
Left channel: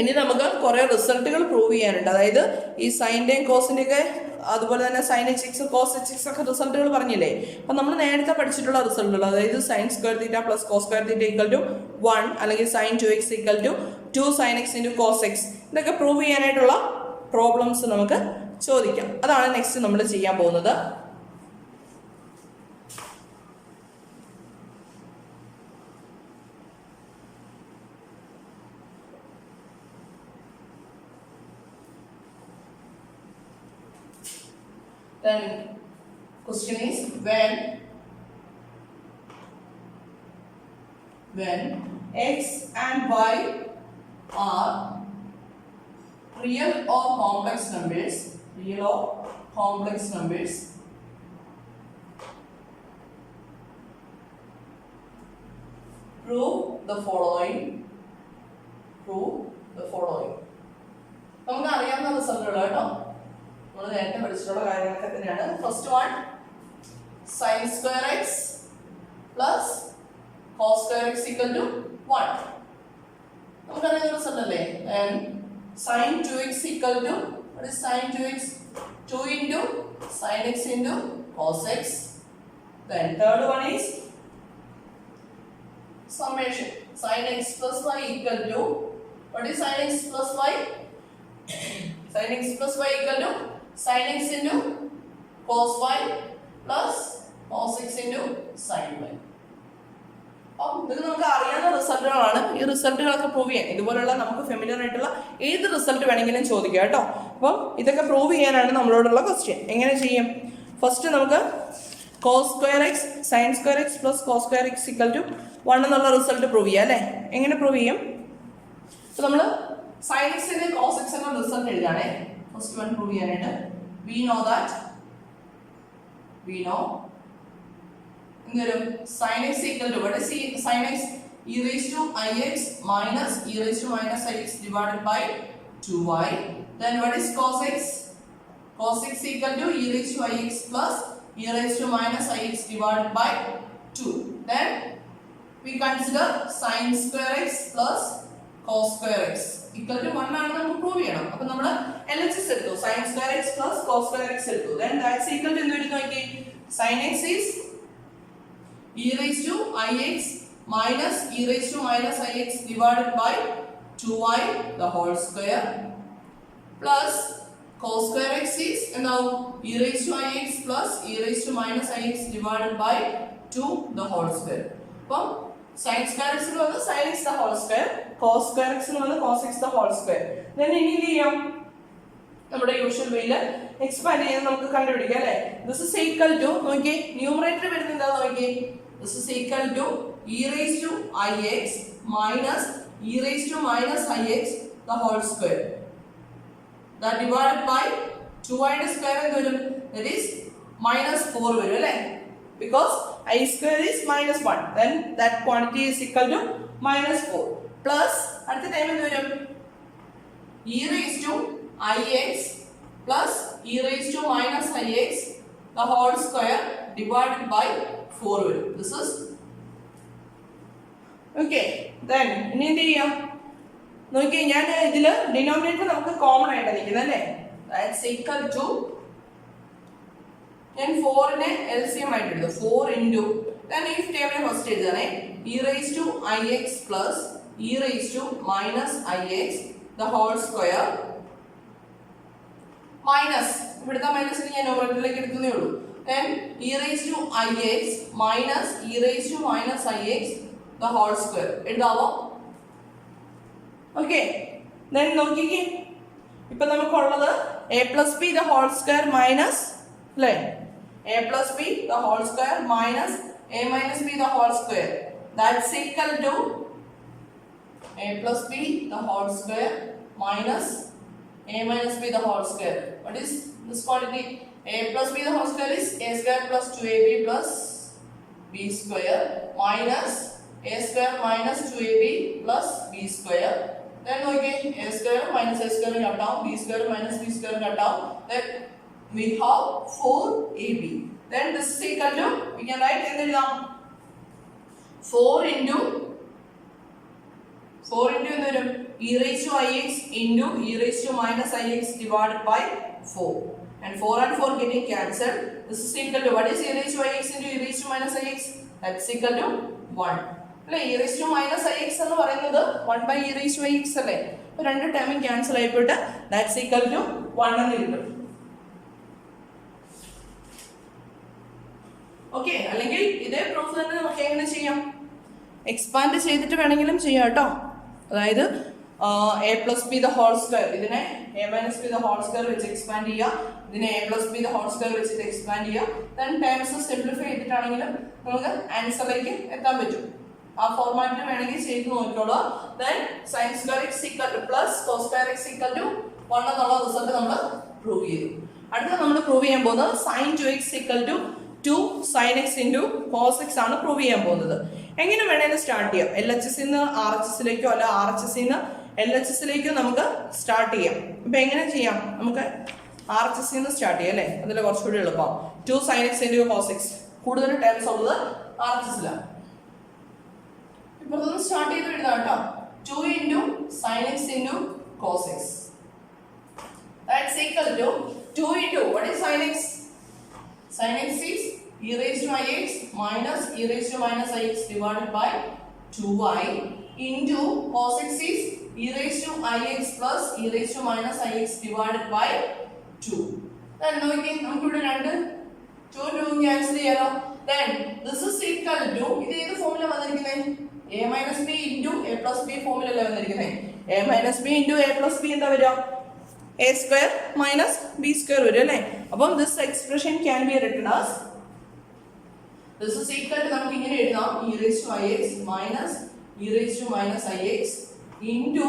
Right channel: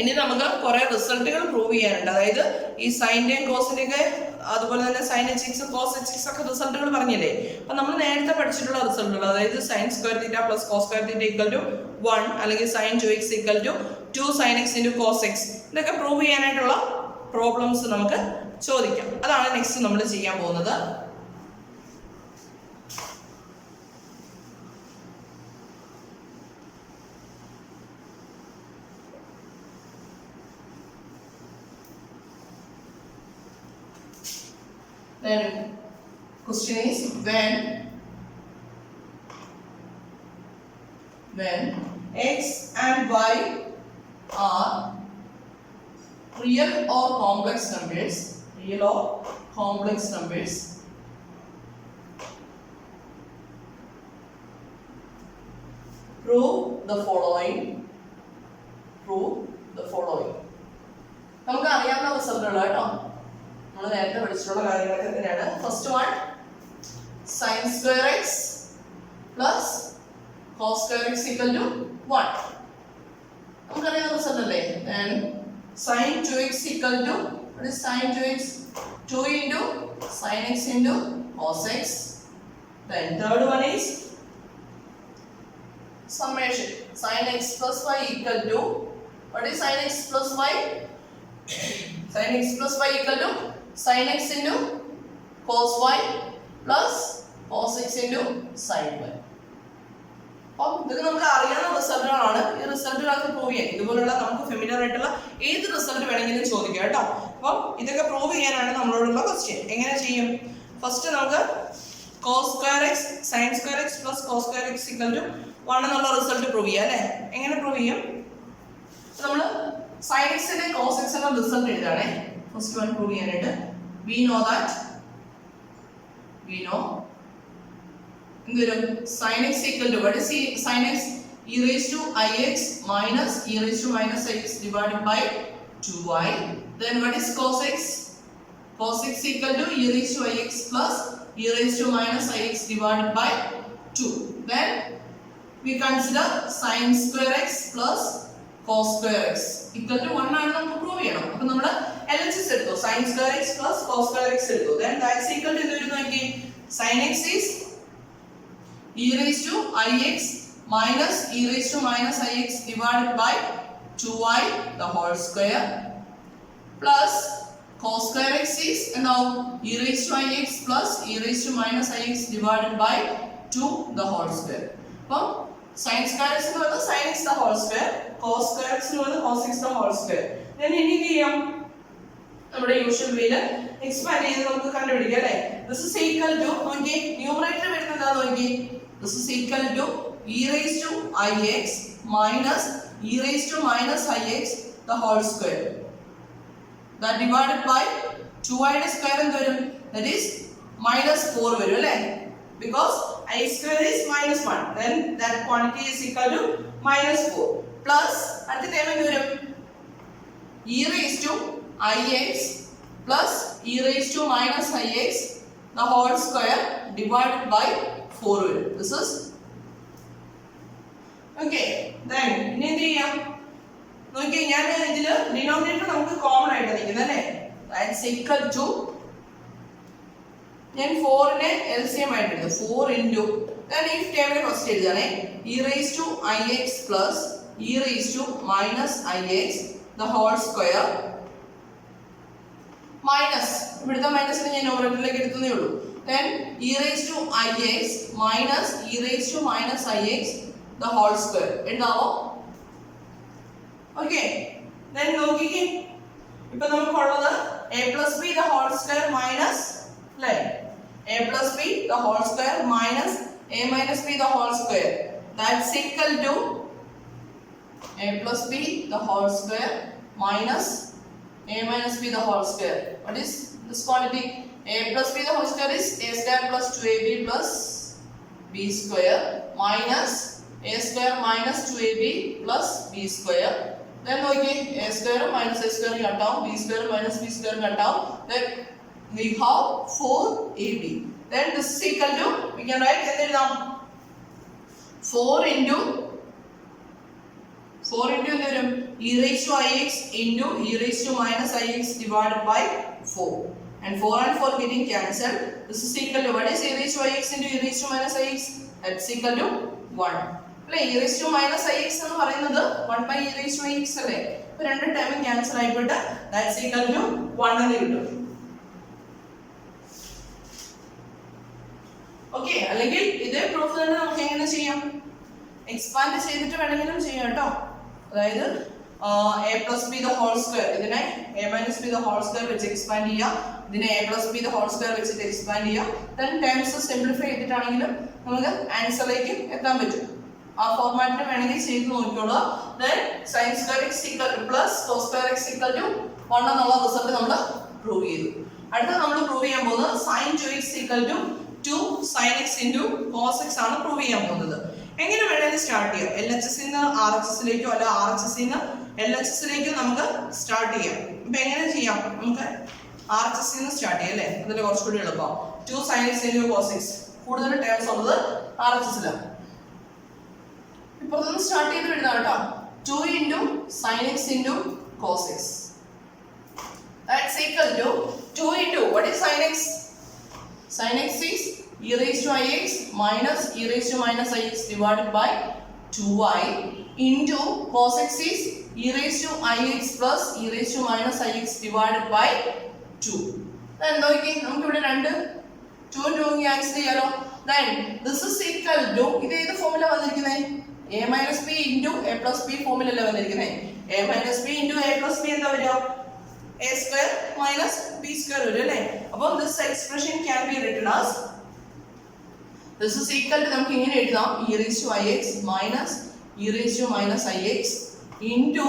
ഇനി നമുക്ക് കുറേ റിസൾട്ടുകൾ prove ചെയ്യാനുണ്ട്. അതായത് ഈ സൈൻ്റെയും കോസിൻ്റെ ഒക്കെ അതുപോലെ തന്നെ sine h x cos h x ഒക്കെ റിസൾട്ടുകൾ പറഞ്ഞില്ലേ. അപ്പം നമ്മൾ നേരത്തെ പഠിച്ചിട്ടുള്ള റിസൾട്ടുകൾ, അതായത് sine square theta plus cos square theta equal to 1 അല്ലെങ്കിൽ sine 2x equal to 2 sine x into cos x, ഇതൊക്കെ പ്രൂവ് ചെയ്യാനായിട്ടുള്ള പ്രോബ്ലംസ് നമുക്ക് ചോദിക്കാം. അതാണ് നെക്സ്റ്റ് നമ്മൾ ചെയ്യാൻ പോകുന്നത്. Then question is when x and y are real or complex numbers, prove the following. നമുക്ക് അറിയാവുന്ന റിസൾട്ടുകൾ കേട്ടോ, നമ്മൾ നേരത്തെ പഠിച്ചിട്ടുള്ള കാര്യങ്ങളൊക്കെ തന്നെയാണ്. First one sine square x plus cos square x equal to 1. നമുക്കറിയാവുന്ന റിസൾട്ട് അല്ലേ. Then sine 2x equal to what is sin 2x? 2 into sin x into cos x. Then third one is summation. Sin x plus y equal to what is sin x plus y? Sin x plus y equal to sin x into cos y plus cos x into sin y. അപ്പോൾ ഇതൊക്കെ നമുക്ക് അറിയാവുന്ന റിസൾട്ടുകളാണ്. ഈ റിസൾട്ടുകളൊക്കെ prove ചെയ്യാൻ ഇതുപോലുള്ള നമുക്ക് familiar ആയിട്ടുള്ള ഏത് റിസൾട്ട് വേണമെങ്കിലും ചോദിക്കാം കേട്ടോ. അപ്പോൾ ഇതൊക്കെ പ്രൂവ് ചെയ്യാനാണ് നമ്മളോടുള്ള ക്വസ്റ്റ്യൻ. എങ്ങനെ ചെയ്യും? ഫസ്റ്റ് നമുക്ക് cos square x sine square x plus cos square x equal to 1 എന്നുള്ള റിസൾട്ട് പ്രൂവ് ചെയ്യാം അല്ലേ. എങ്ങനെ പ്രൂവ് ചെയ്യും? അപ്പോൾ നമ്മൾ സൈൻ എക്സിന്റെ കോസ് എക്സിന്റെ റിസൾട്ട് എഴുതാണേ. ഫസ്റ്റ് വൺ പ്രൂവ് ചെയ്യാനായിട്ട് we know എന്തൊരു sin x equal to what is sin x? e raised to ix minus e raised to minus ix divided by 2y. Then what is cos x? Cos x equal to e raised to ix plus e raised to minus ix divided by 2. Then we consider sin square x plus cos square x equal to 1 ആണ് നമുക്ക് prove ചെയ്യണം. അപ്പോൾ നമ്മൾ LHS എടുത്തു, sin square x plus cos square x എടുത്തു. Then that's equal to എന്ത് വരുന്നു നോക്കി, sin x is e raised to ix minus e raised to minus ix divided by 2y the whole square plus cos square x is now e raised to ix plus e raised to minus ix divided by 2 the whole square. അപ്പോൾ sin square x എന്ന് പറയുന്നത് sin x the whole square, cos square x എന്ന് പറയുന്നത് cos x the whole square. then ഇനി എന്ത് ചെയ്യാം, നമ്മുടെ usual വേയിൽ എക്സ്പാൻഡ് ചെയ്ത് നമുക്ക് കണ്ടുപിടിക്കാം അല്ലേ. ദിസ് ഇസ് ഈക്വൽ ടു നോക്കി ന്യൂമറേറ്റർ വരുന്നത് എന്താ നോക്കി, this is equal to e raised to ix minus e raised to minus ix the whole square, that divided by 2y square എന്ത് വരും, that is minus 4 വരും അല്ലേ, because I square is minus 1, then that quantity is equal to minus 4 plus അടുത്ത time എന്ത് വരും, e raised to ix plus e raised to minus ix the whole square divided by 4 വരും. This is okay. Then ഇനി എന്ത് ചെയ്യാം നോക്കിയേ, ഞാൻ ഇതില് ഡിനോമിനേറ്റർ നമുക്ക് കോമൺ ആയിട്ട് നിൽക്കുന്നത് അല്ലേ, that's equal to ഞാൻ 4നെ LCM ആയിട്ട് എടുത്തു, 4 into then if table first എഴുതണേ e raised to ix plus e raised to minus ix the whole square minus ഇവിടുത്തെ മൈനസിനെ ഞാൻ ന്യൂമറേറ്ററിലേക്ക് എടുത്തേ ഉള്ളൂ. Then e raised to ix minus e raised to minus ix the whole square എഴുതാവോ? Okay. then നോക്കിക്കേ, ഇപ്പൊ നമുക്കുള്ളത് a plus b the whole square minus അല്ലേ, a plus b the whole square minus a minus b the whole square, that's equal to a plus b the whole square minus a minus b the whole square. What is this quantity? A plus b the whole square is a square plus 2ab plus b square minus a square minus 2ab plus b square. Then okay, a square minus a square cut down, b square minus b square cut down. Then we have 4ab. Then this is equal to, we can write എന്തെഴുതാം, 4 into എന്ത് വരും e raised to ix into e raised to minus ix divided by 4. And 4 and 4 getting cancelled. This is equal to what is e raised to ix into e raised to minus ix? That's equal to 1. അല്ലേ e raised to minus ix എന്ന് പറയുന്നത് 1 by e raised to ix അല്ലേ? അപ്പോൾ രണ്ട് ടൈമും cancel ആയിപ്പോട്ട് that's equal to 1 എന്ന് കിട്ടും. Okay, അല്ലെങ്കിൽ ഇതേ പ്രൂഫ് തന്നെ നമുക്ക് എങ്ങനെ ചെയ്യാം? എക്സ്പാൻഡ് ചെയ്തിട്ട് വേണമെങ്കിലും ചെയ്യാം കേട്ടോ. അതായത് a plus b the whole square, ഇതിനെ a minus b the whole square വെച്ച് എക്സ്പാൻഡ് ചെയ്യുക, ഇതിനെ a plus b the whole square വെച്ചിട്ട് എക്സ്പാൻഡ് ചെയ്യുക. ദെൻ ടേംസ് സിംപ്ലിഫൈ ചെയ്തിട്ടാണെങ്കിലും നമുക്ക് ആൻസറിലേക്ക് എത്താൻ പറ്റും. ആ ഫോർമാറ്റിൽ വേണമെങ്കിൽ ചെയ്ത് നോക്കിക്കോളൂ. Then sine square x equal to plus cos square x equal to 1 എന്നുള്ള റിസൾട്ട് നമ്മൾ പ്രൂവ് ചെയ്തു. അടുത്ത നമ്മൾ പ്രൂവ് ചെയ്യാൻ പോകുന്നത് sine 2x equal to 2 sin x into cos x ആണ് പ്രൂവ് ചെയ്യാൻ പോകുന്നത്. എങ്ങനെ വേണമെങ്കിലും സ്റ്റാർട്ട് ചെയ്യാം. LHS നിന്ന് RHS ലേക്കോ അല്ല RHS നിന്ന് LHS ലേക്കോ നമുക്ക് സ്റ്റാർട്ട് ചെയ്യാം. ഇപ്പം എങ്ങനെ ചെയ്യാം? നമുക്ക് RHS നിന്ന് സ്റ്റാർട്ട് ചെയ്യാം അല്ലേ? അതിൽ കുറച്ചുകൂടി എളുപ്പം. 2 sin x into cos x, കൂടുതൽ ടേംസ് ഉള്ളത് RHS-ലാണ്. ഇപ്പുറത്തൊന്ന് സ്റ്റാർട്ട് ചെയ്ത് വിടുന്ന കേട്ടോ. 2 into sin x into cos x. That's equal to 2 into what is sin x? Sin x is e raised to ix minus e raised to minus ix divided by 2y into cos x is e raised to ix plus e raised to minus ix divided by 2. Then നോക്കി നമുക്ക് ഇവിടെ രണ്ട് 2 ഉം 2 ഉം cancel ചെയ്യാലോ. Then this is equal to ഇത് ഏത് ഫോമിലാ വന്നിരിക്കുന്നത്? a minus b into a plus b ഫോമിലല്ലേ വന്നിരിക്കുന്നത്. a minus b into a plus b എന്താ വരിക? a square minus b square വരും അല്ലേ? അപ്പം this expression can be written as this is equal to നമുക്ക് ഇങ്ങനെ എഴുതാം e raised to ix minus e raised to minus ix into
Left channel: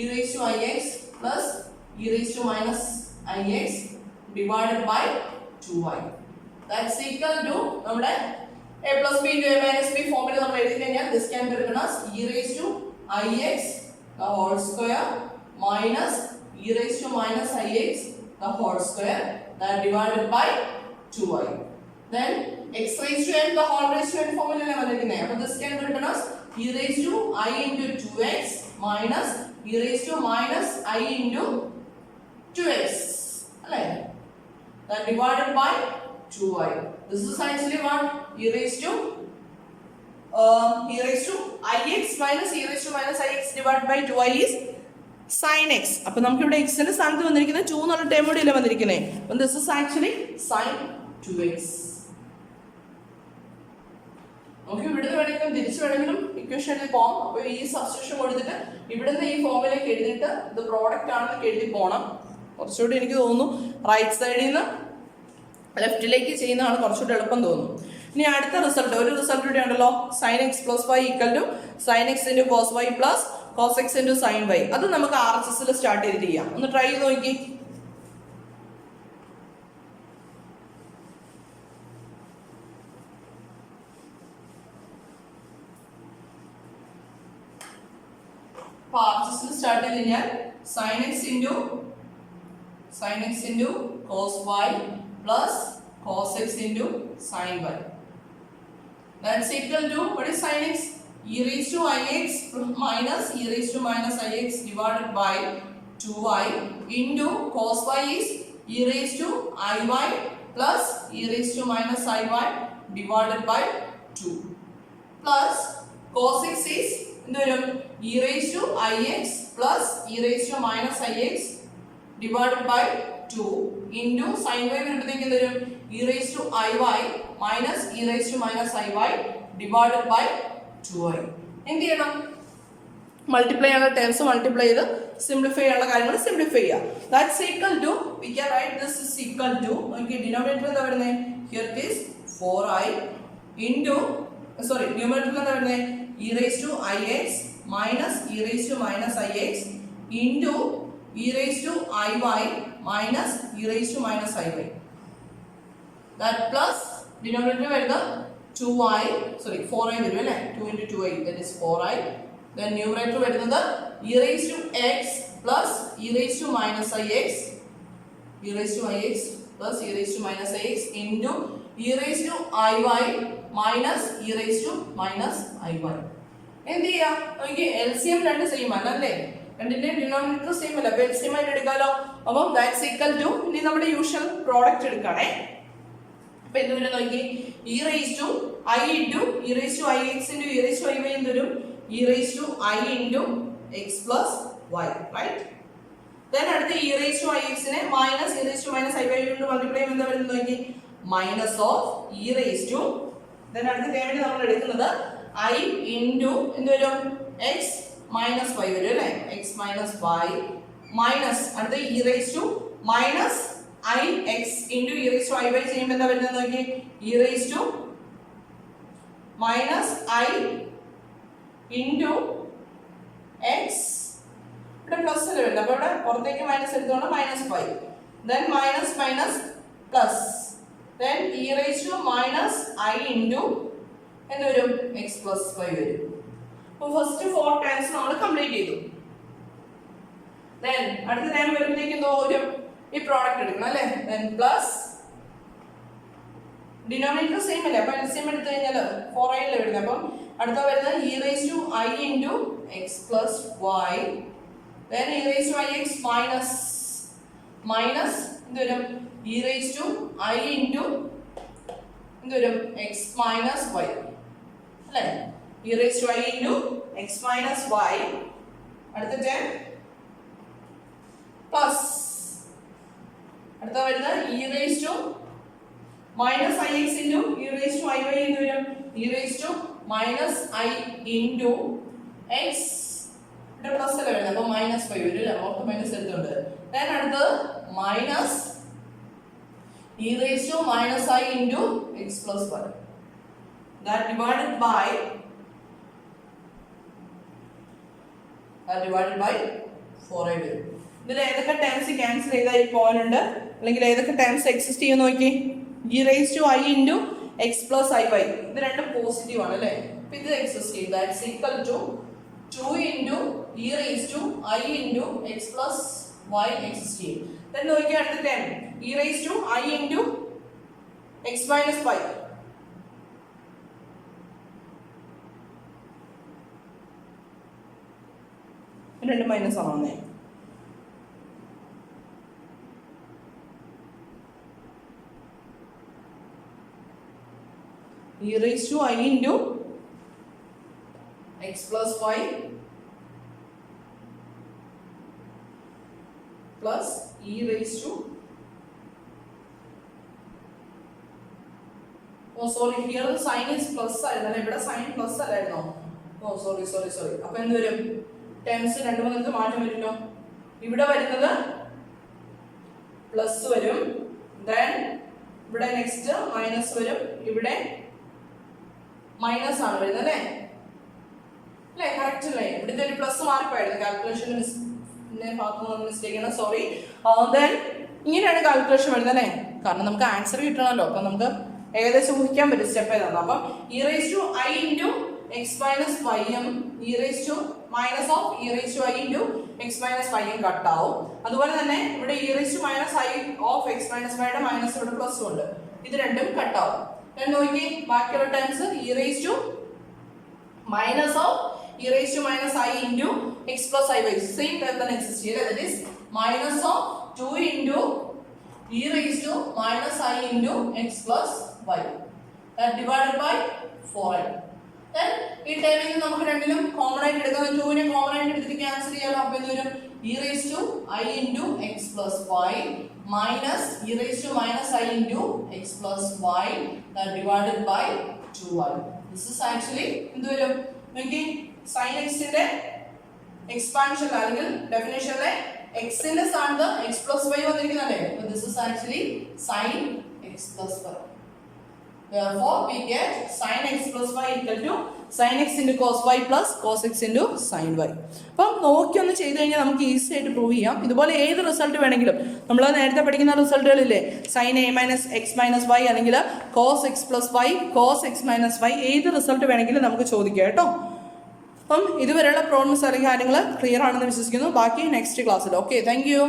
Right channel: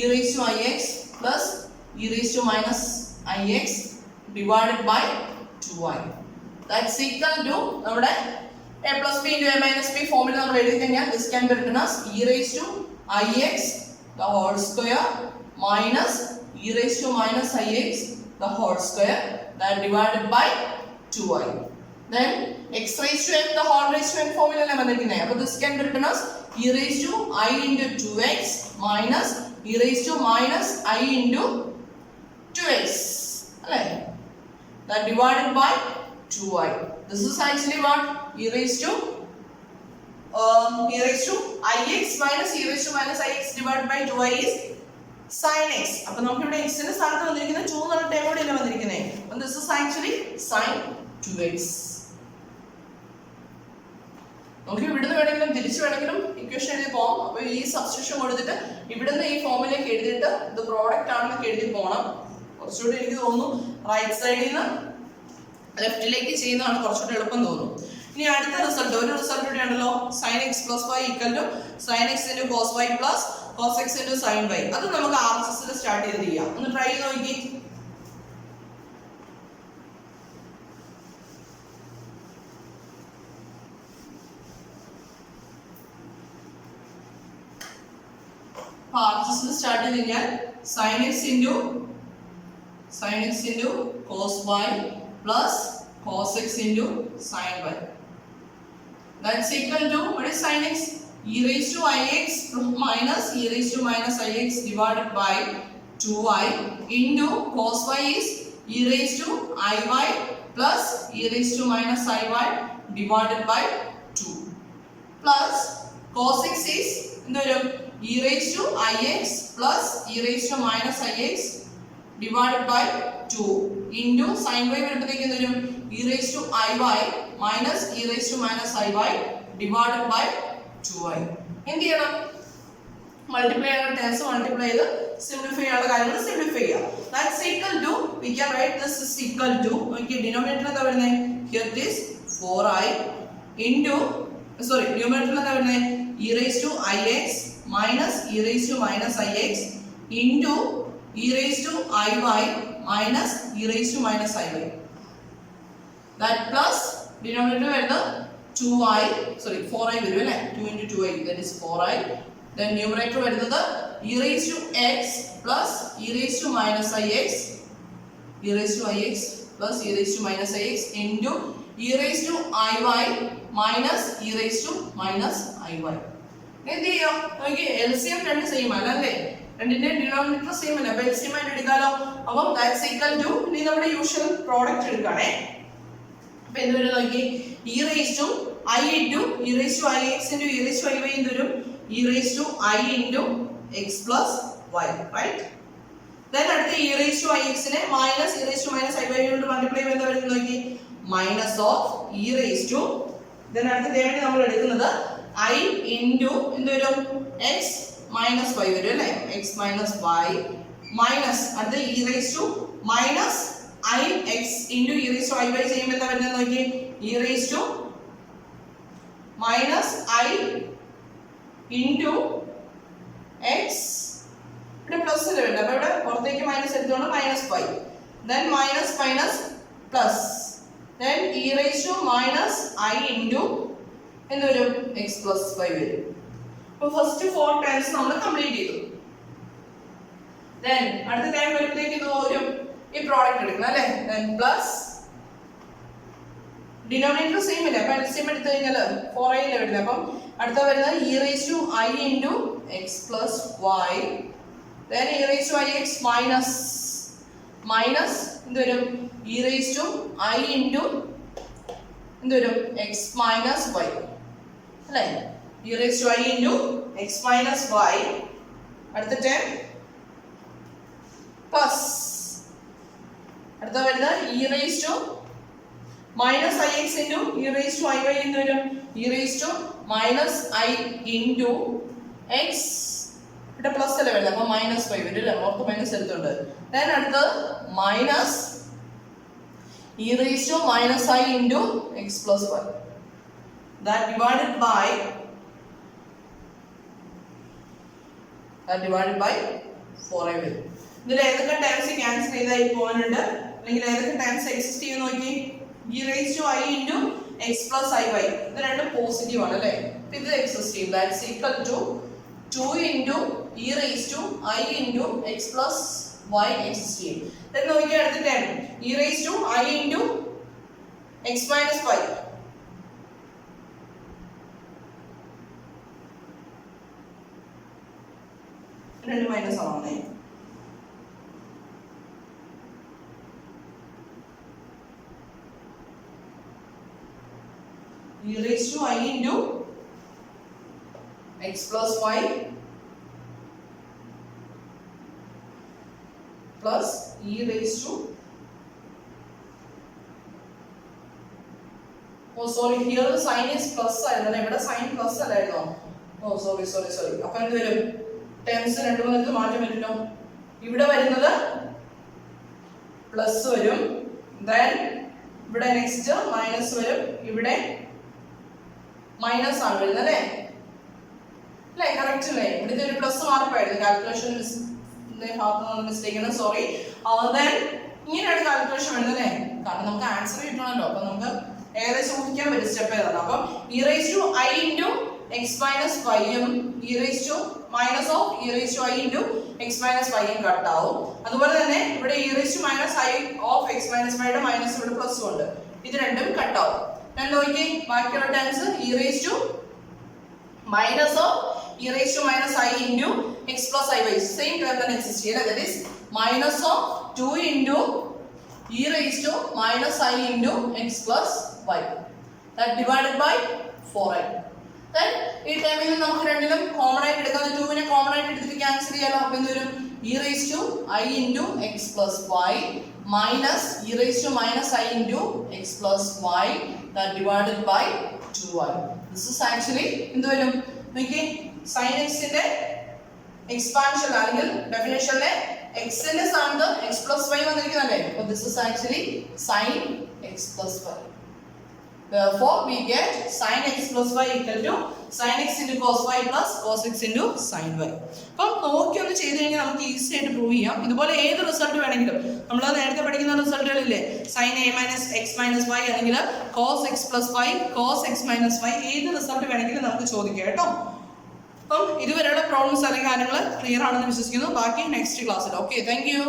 e raised to ix plus e raised to minus ix divided by 2y. That's equal to നമ്മുടെ a plus b into a minus b ഫോമിൽ നമ്മൾ എഴുതി കഴിഞ്ഞാൽ this can be written as e raised to ix the whole square minus e raised to minus ix the whole square that divided by 2y. Then x raised to m the whole raised to n ഫോമിലല്ലേ വന്നിരിക്കുന്നത്. അപ്പോൾ this can be written as e raised to I into 2x minus e raised to minus I into 2x അല്ലേ? that divided by 2y. This is actually what e raised to ix minus e raised to minus ix divided by 2y is sin x. അപ്പോൾ നമുക്ക് ഇവിടെ x ന്റെ സ്ഥാനത്ത് വന്നിരിക്കുന്നത് 2 എന്നുള്ള term കൂടി അല്ലേ വന്നിരിക്കുന്നത്. അപ്പോൾ this is actually sin 2x. നമുക്ക് ഇവിടുന്ന് വേണമെങ്കിലും തിരിച്ചു വേണമെങ്കിലും ഇക്വേഷൻ എഴുതി പോകാം. അപ്പോൾ ഈ സബ്സ്റ്റിറ്റ്യൂഷൻ കൊടുത്തിട്ട് ഇവിടുന്ന് ഈ ഫോമിലേക്ക് എഴുതിയിട്ട് ഇത് പ്രോഡക്റ്റ് ആണെന്ന് എഴുതി പോകണം. കുറച്ചുകൂടി എനിക്ക് തോന്നുന്നു റൈറ്റ് സൈഡിൽ നിന്ന് ലെഫ്റ്റിലേക്ക് ചെയ്യുന്നതാണ് കുറച്ചുകൂടി എളുപ്പം തോന്നുന്നു. ഇനി അടുത്ത റിസൾട്ട്, ഒരു റിസൾട്ട് കൂടി ഉണ്ടല്ലോ. sin x plus y equal to sin x into cos y plus cos x into sin y. അത് നമുക്ക് RHS-ൽ സ്റ്റാർട്ട് ചെയ്ത് ചെയ്യാം. ഒന്ന് ട്രൈ ചെയ്ത് നോക്കി. RHS-ൽ സ്റ്റാർട്ട് ചെയ്ത് കഴിഞ്ഞാൽ sin x into cos y plus cos x into sin y. That's equal to what is sin x? E raised to ix minus e raised to minus ix divided by 2y into cos y is e raised to iy plus e raised to minus iy divided by 2 plus cos x is e raised to ix plus e raised to minus ix divided by 2 into sin y വരുമ്പോഴത്തേക്ക് എന്ത് വരും? e raised to iy minus e raised to minus iy divided by 2y. എന്ത് ചെയ്യണം? Multiply ആണ്, tense multiply ചെയ്ത് simplify ചെയ്യാനുള്ള കാര്യങ്ങൾ simplify ചെയ്യാം. That's equal to, we can write this is equal to, okay, denominator എന്താ വരുന്നത്? Here it is 4i into, sorry, numerator എന്താ വരുന്നത്? e raised to ix minus e raised to minus ix into e raised to iy minus e raised to minus iy. That plus denominator വരുന്നത് 2i, sorry 4i വരും അല്ലേ? 2 into 2i, that is 4i. Then numerator വരുന്നത് e raised to x plus e raised to minus ix, e raised to ix plus e raised to minus ix into e raised to iy minus e raise to minus i y. എന്ത് ചെയ്യാം നോക്കി, LCM രണ്ട് same അല്ല അല്ലേ, രണ്ടിന്റെ denominator same അല്ല, അപ്പൊ LCM ആയിട്ട് എടുക്കാലോ. അപ്പം ദാറ്റ്സ് ഈക്വൽ ടു, ഇനി നമ്മുടെ യൂഷ്വൽ പ്രോഡക്റ്റ് എടുക്കുകയാണേ. അപ്പൊ എന്ത് വരും നോക്കി, e raise to i into e raise to i x into e raise to i y എന്ത് വരും, e raise to i into x plus y, right. Then അടുത്ത e raise to i എക്സിനെ minus e raise to minus i y കൊണ്ട് multiply ചെയ്യുമ്പോൾ എന്താ വരുന്നത് നോക്കി, minus of e raise to, then അടുത്ത ടേമിന് നമ്മൾ എടുക്കുന്നത് ഐ ഇൻറ്റു എന്ത് വരും, എക്സ് മൈനസ് വൈ വരും അല്ലേ, എക്സ് മൈനസ് വൈ മൈനസ് അടുത്ത e raise to minus i x into e raise to i y ചെയ്യുമ്പോൾ എന്താ വരുന്നത് നോക്കി, e raise to minus i into x, ഇവിടെ പ്ലസ് അല്ലേ വരുന്നത്, അപ്പോൾ ഇവിടെ പുറത്തേക്ക് മൈനസ് എടുത്തോണ്ട് minus five, then minus minus plus, then e raise to minus i into എന്ത് വരും, എക്സ് പ്ലസ് ഫൈവ് വരും. അപ്പോൾ ഫസ്റ്റ് 4 ടൈംസ് നമ്മൾ കംപ്ലീറ്റ് ചെയ്തു. ദെൻ അടുത്ത ടൈം വരുമ്പോഴത്തേക്ക് എന്തോ വരും, ഈ പ്രോഡക്റ്റ് എടുക്കണം അല്ലേ, ദെൻ പ്ലസ് ഡിനോമിനേറ്റർ സെയിം അല്ലേ, അപ്പോൾ LCM എടുത്തു കഴിഞ്ഞാൽ 4i അല്ലേ വരുന്നത്, അപ്പം അടുത്ത വരുന്നത് e raise to i into x plus y, then e raise to i x minus minus എന്ത് വരും, e raise to i into എന്ത് വരും, എക്സ് മൈനസ് വൈ അല്ലേ, e raise to i into x minus y, അടുത്ത time plus അടുത്ത വരുന്നത് e raise to minus i x into e raise to i y എന്ന് വരും, e raise to minus i into x, ഇവിടെ plus അല്ലേ വരുന്നത്, അപ്പോൾ മൈനസ് ഫൈവ് വരും അല്ലേ, ഓർത്ത് മൈനസ് എടുത്തുണ്ട്. ദെൻ അടുത്തത് minus e raise to minus i into x plus y, that divided by 4i വരും. ഇതിൽ ഏതൊക്കെ ടേംസ് ക്യാൻസൽ ചെയ്താൽ പോകുന്നുണ്ട്, അല്ലെങ്കിൽ ഏതൊക്കെ ടേംസ് എക്സിസ്റ്റ് ചെയ്യുന്ന നോക്കി, e raise to i into x plus i y ഇത് രണ്ടും പോസിറ്റീവ് ആണ് അല്ലേ, അപ്പൊ ഇത് എക്സിസ്റ്റ് ചെയ്യും, that's equal to 2 into e raise to i into x plus y exist ചെയ്യും. ദെൻ നോക്കിയാൽ അടുത്ത term e raise to i into x minus y, രണ്ട് മൈനസ് ആണേ, e raised to I into x plus y plus e raised to, oh sorry, here the sign is plus ആയിരുന്നു, ഇവിടെ sign plus അല്ലായിരുന്നോ, oh sorry, അപ്പോൾ എന്ത് വരും, terms രണ്ടു മൂന്നിടത്ത് മാറ്റം വരുമല്ലോ, ഇവിടെ വരുന്നത് പ്ലസ് വരും, ദെൻ ഇവിടെ നെക്സ്റ്റ് മൈനസ് വരും, ഇവിടെ മൈനസ് ആണ് വരുന്നത് അല്ലേ, അല്ലേ കറക്റ്റ് അല്ലേ, ഇവിടുത്തെ ഒരു പ്ലസ് മാറിപ്പോയായിരുന്നു, കാൽക്കുലേഷൻ ഭാഗത്തുനിന്ന് മിസ്റ്റേക്ക് ആണ്, സോറി. ദെൻ ഇങ്ങനെയാണ് കാൽക്കുലേഷൻ വരുന്നത് അല്ലേ, കാരണം നമുക്ക് ആൻസർ കിട്ടണമല്ലോ, അപ്പം നമുക്ക് ഏകദേശം ഊഹിക്കാൻ പറ്റും സ്റ്റെപ്പ് ഏതാണ്. അപ്പം e raise to i into x minus വൈയും e raise to minus of e raise to i into x minus വൈയും കട്ടാവും. അതുപോലെ തന്നെ ഇവിടെ e raise to minus i of x minus വൈയുടെ മൈനസ് ഇവിടെ പ്ലസും ഉണ്ട്, ഇത് രണ്ടും കട്ടാവും. ഞാൻ നോക്കി ബാക്കിയുള്ള times e raise to minus of e raise to minus i into x plus i y same time തന്നെ എക്സിസ്റ്റ് ചെയ്യില്ല, that is minus of 2 into e raise to minus i into x plus y that divided by 4i. Then ഈ ടൈമിൽ നിന്ന് നമുക്ക് രണ്ടിലും common ആയിട്ട് എടുക്കാം, 2നെ common ആയിട്ട് എടുത്തിട്ട് ക്യാൻസൽ ചെയ്യാലോ, അപ്പോൾ എന്ത് വരും, e raise to i into x plus y minus e raise to minus i into x plus y that divided by 2i. This is actually എന്ത് വരും നോക്കി, സൈൻ എക്സിന്റെ എക്സ്പാൻഷൻ അല്ലെങ്കിൽ ഡെഫിനേഷനിലെ എക്സിന്റെ സ്ഥാനത്ത് എക്സ് പ്ലസ് വൈ വന്നിരിക്കുന്നല്ലേ, അപ്പോൾ this is actually sine x plus y. Therefore, we get sin x plus y equal to sin x into cos y plus cos x into sin y. അപ്പം നോക്കി ഒന്ന് ചെയ്ത് കഴിഞ്ഞാൽ നമുക്ക് ഈസി ആയിട്ട് prove ചെയ്യാം. ഇതുപോലെ ഏത് റിസൾട്ട് വേണമെങ്കിലും നമ്മൾ നേരത്തെ പഠിക്കുന്ന റിസൾട്ടുകളില്ലേ, sin a minus x minus y അല്ലെങ്കിൽ cos x plus y cos x minus y, ഏത് റിസൾട്ട് വേണമെങ്കിലും നമുക്ക് ചോദിക്കാം കേട്ടോ. അപ്പം ഇതുവരെയുള്ള പ്രോബ്ലംസ് അല്ലെങ്കിൽ കാര്യങ്ങൾ ക്ലിയർ ആണെന്ന് വിശ്വസിക്കുന്നു. ബാക്കി നെക്സ്റ്റ് ക്ലാസ്സിൽ. Okay, thank you.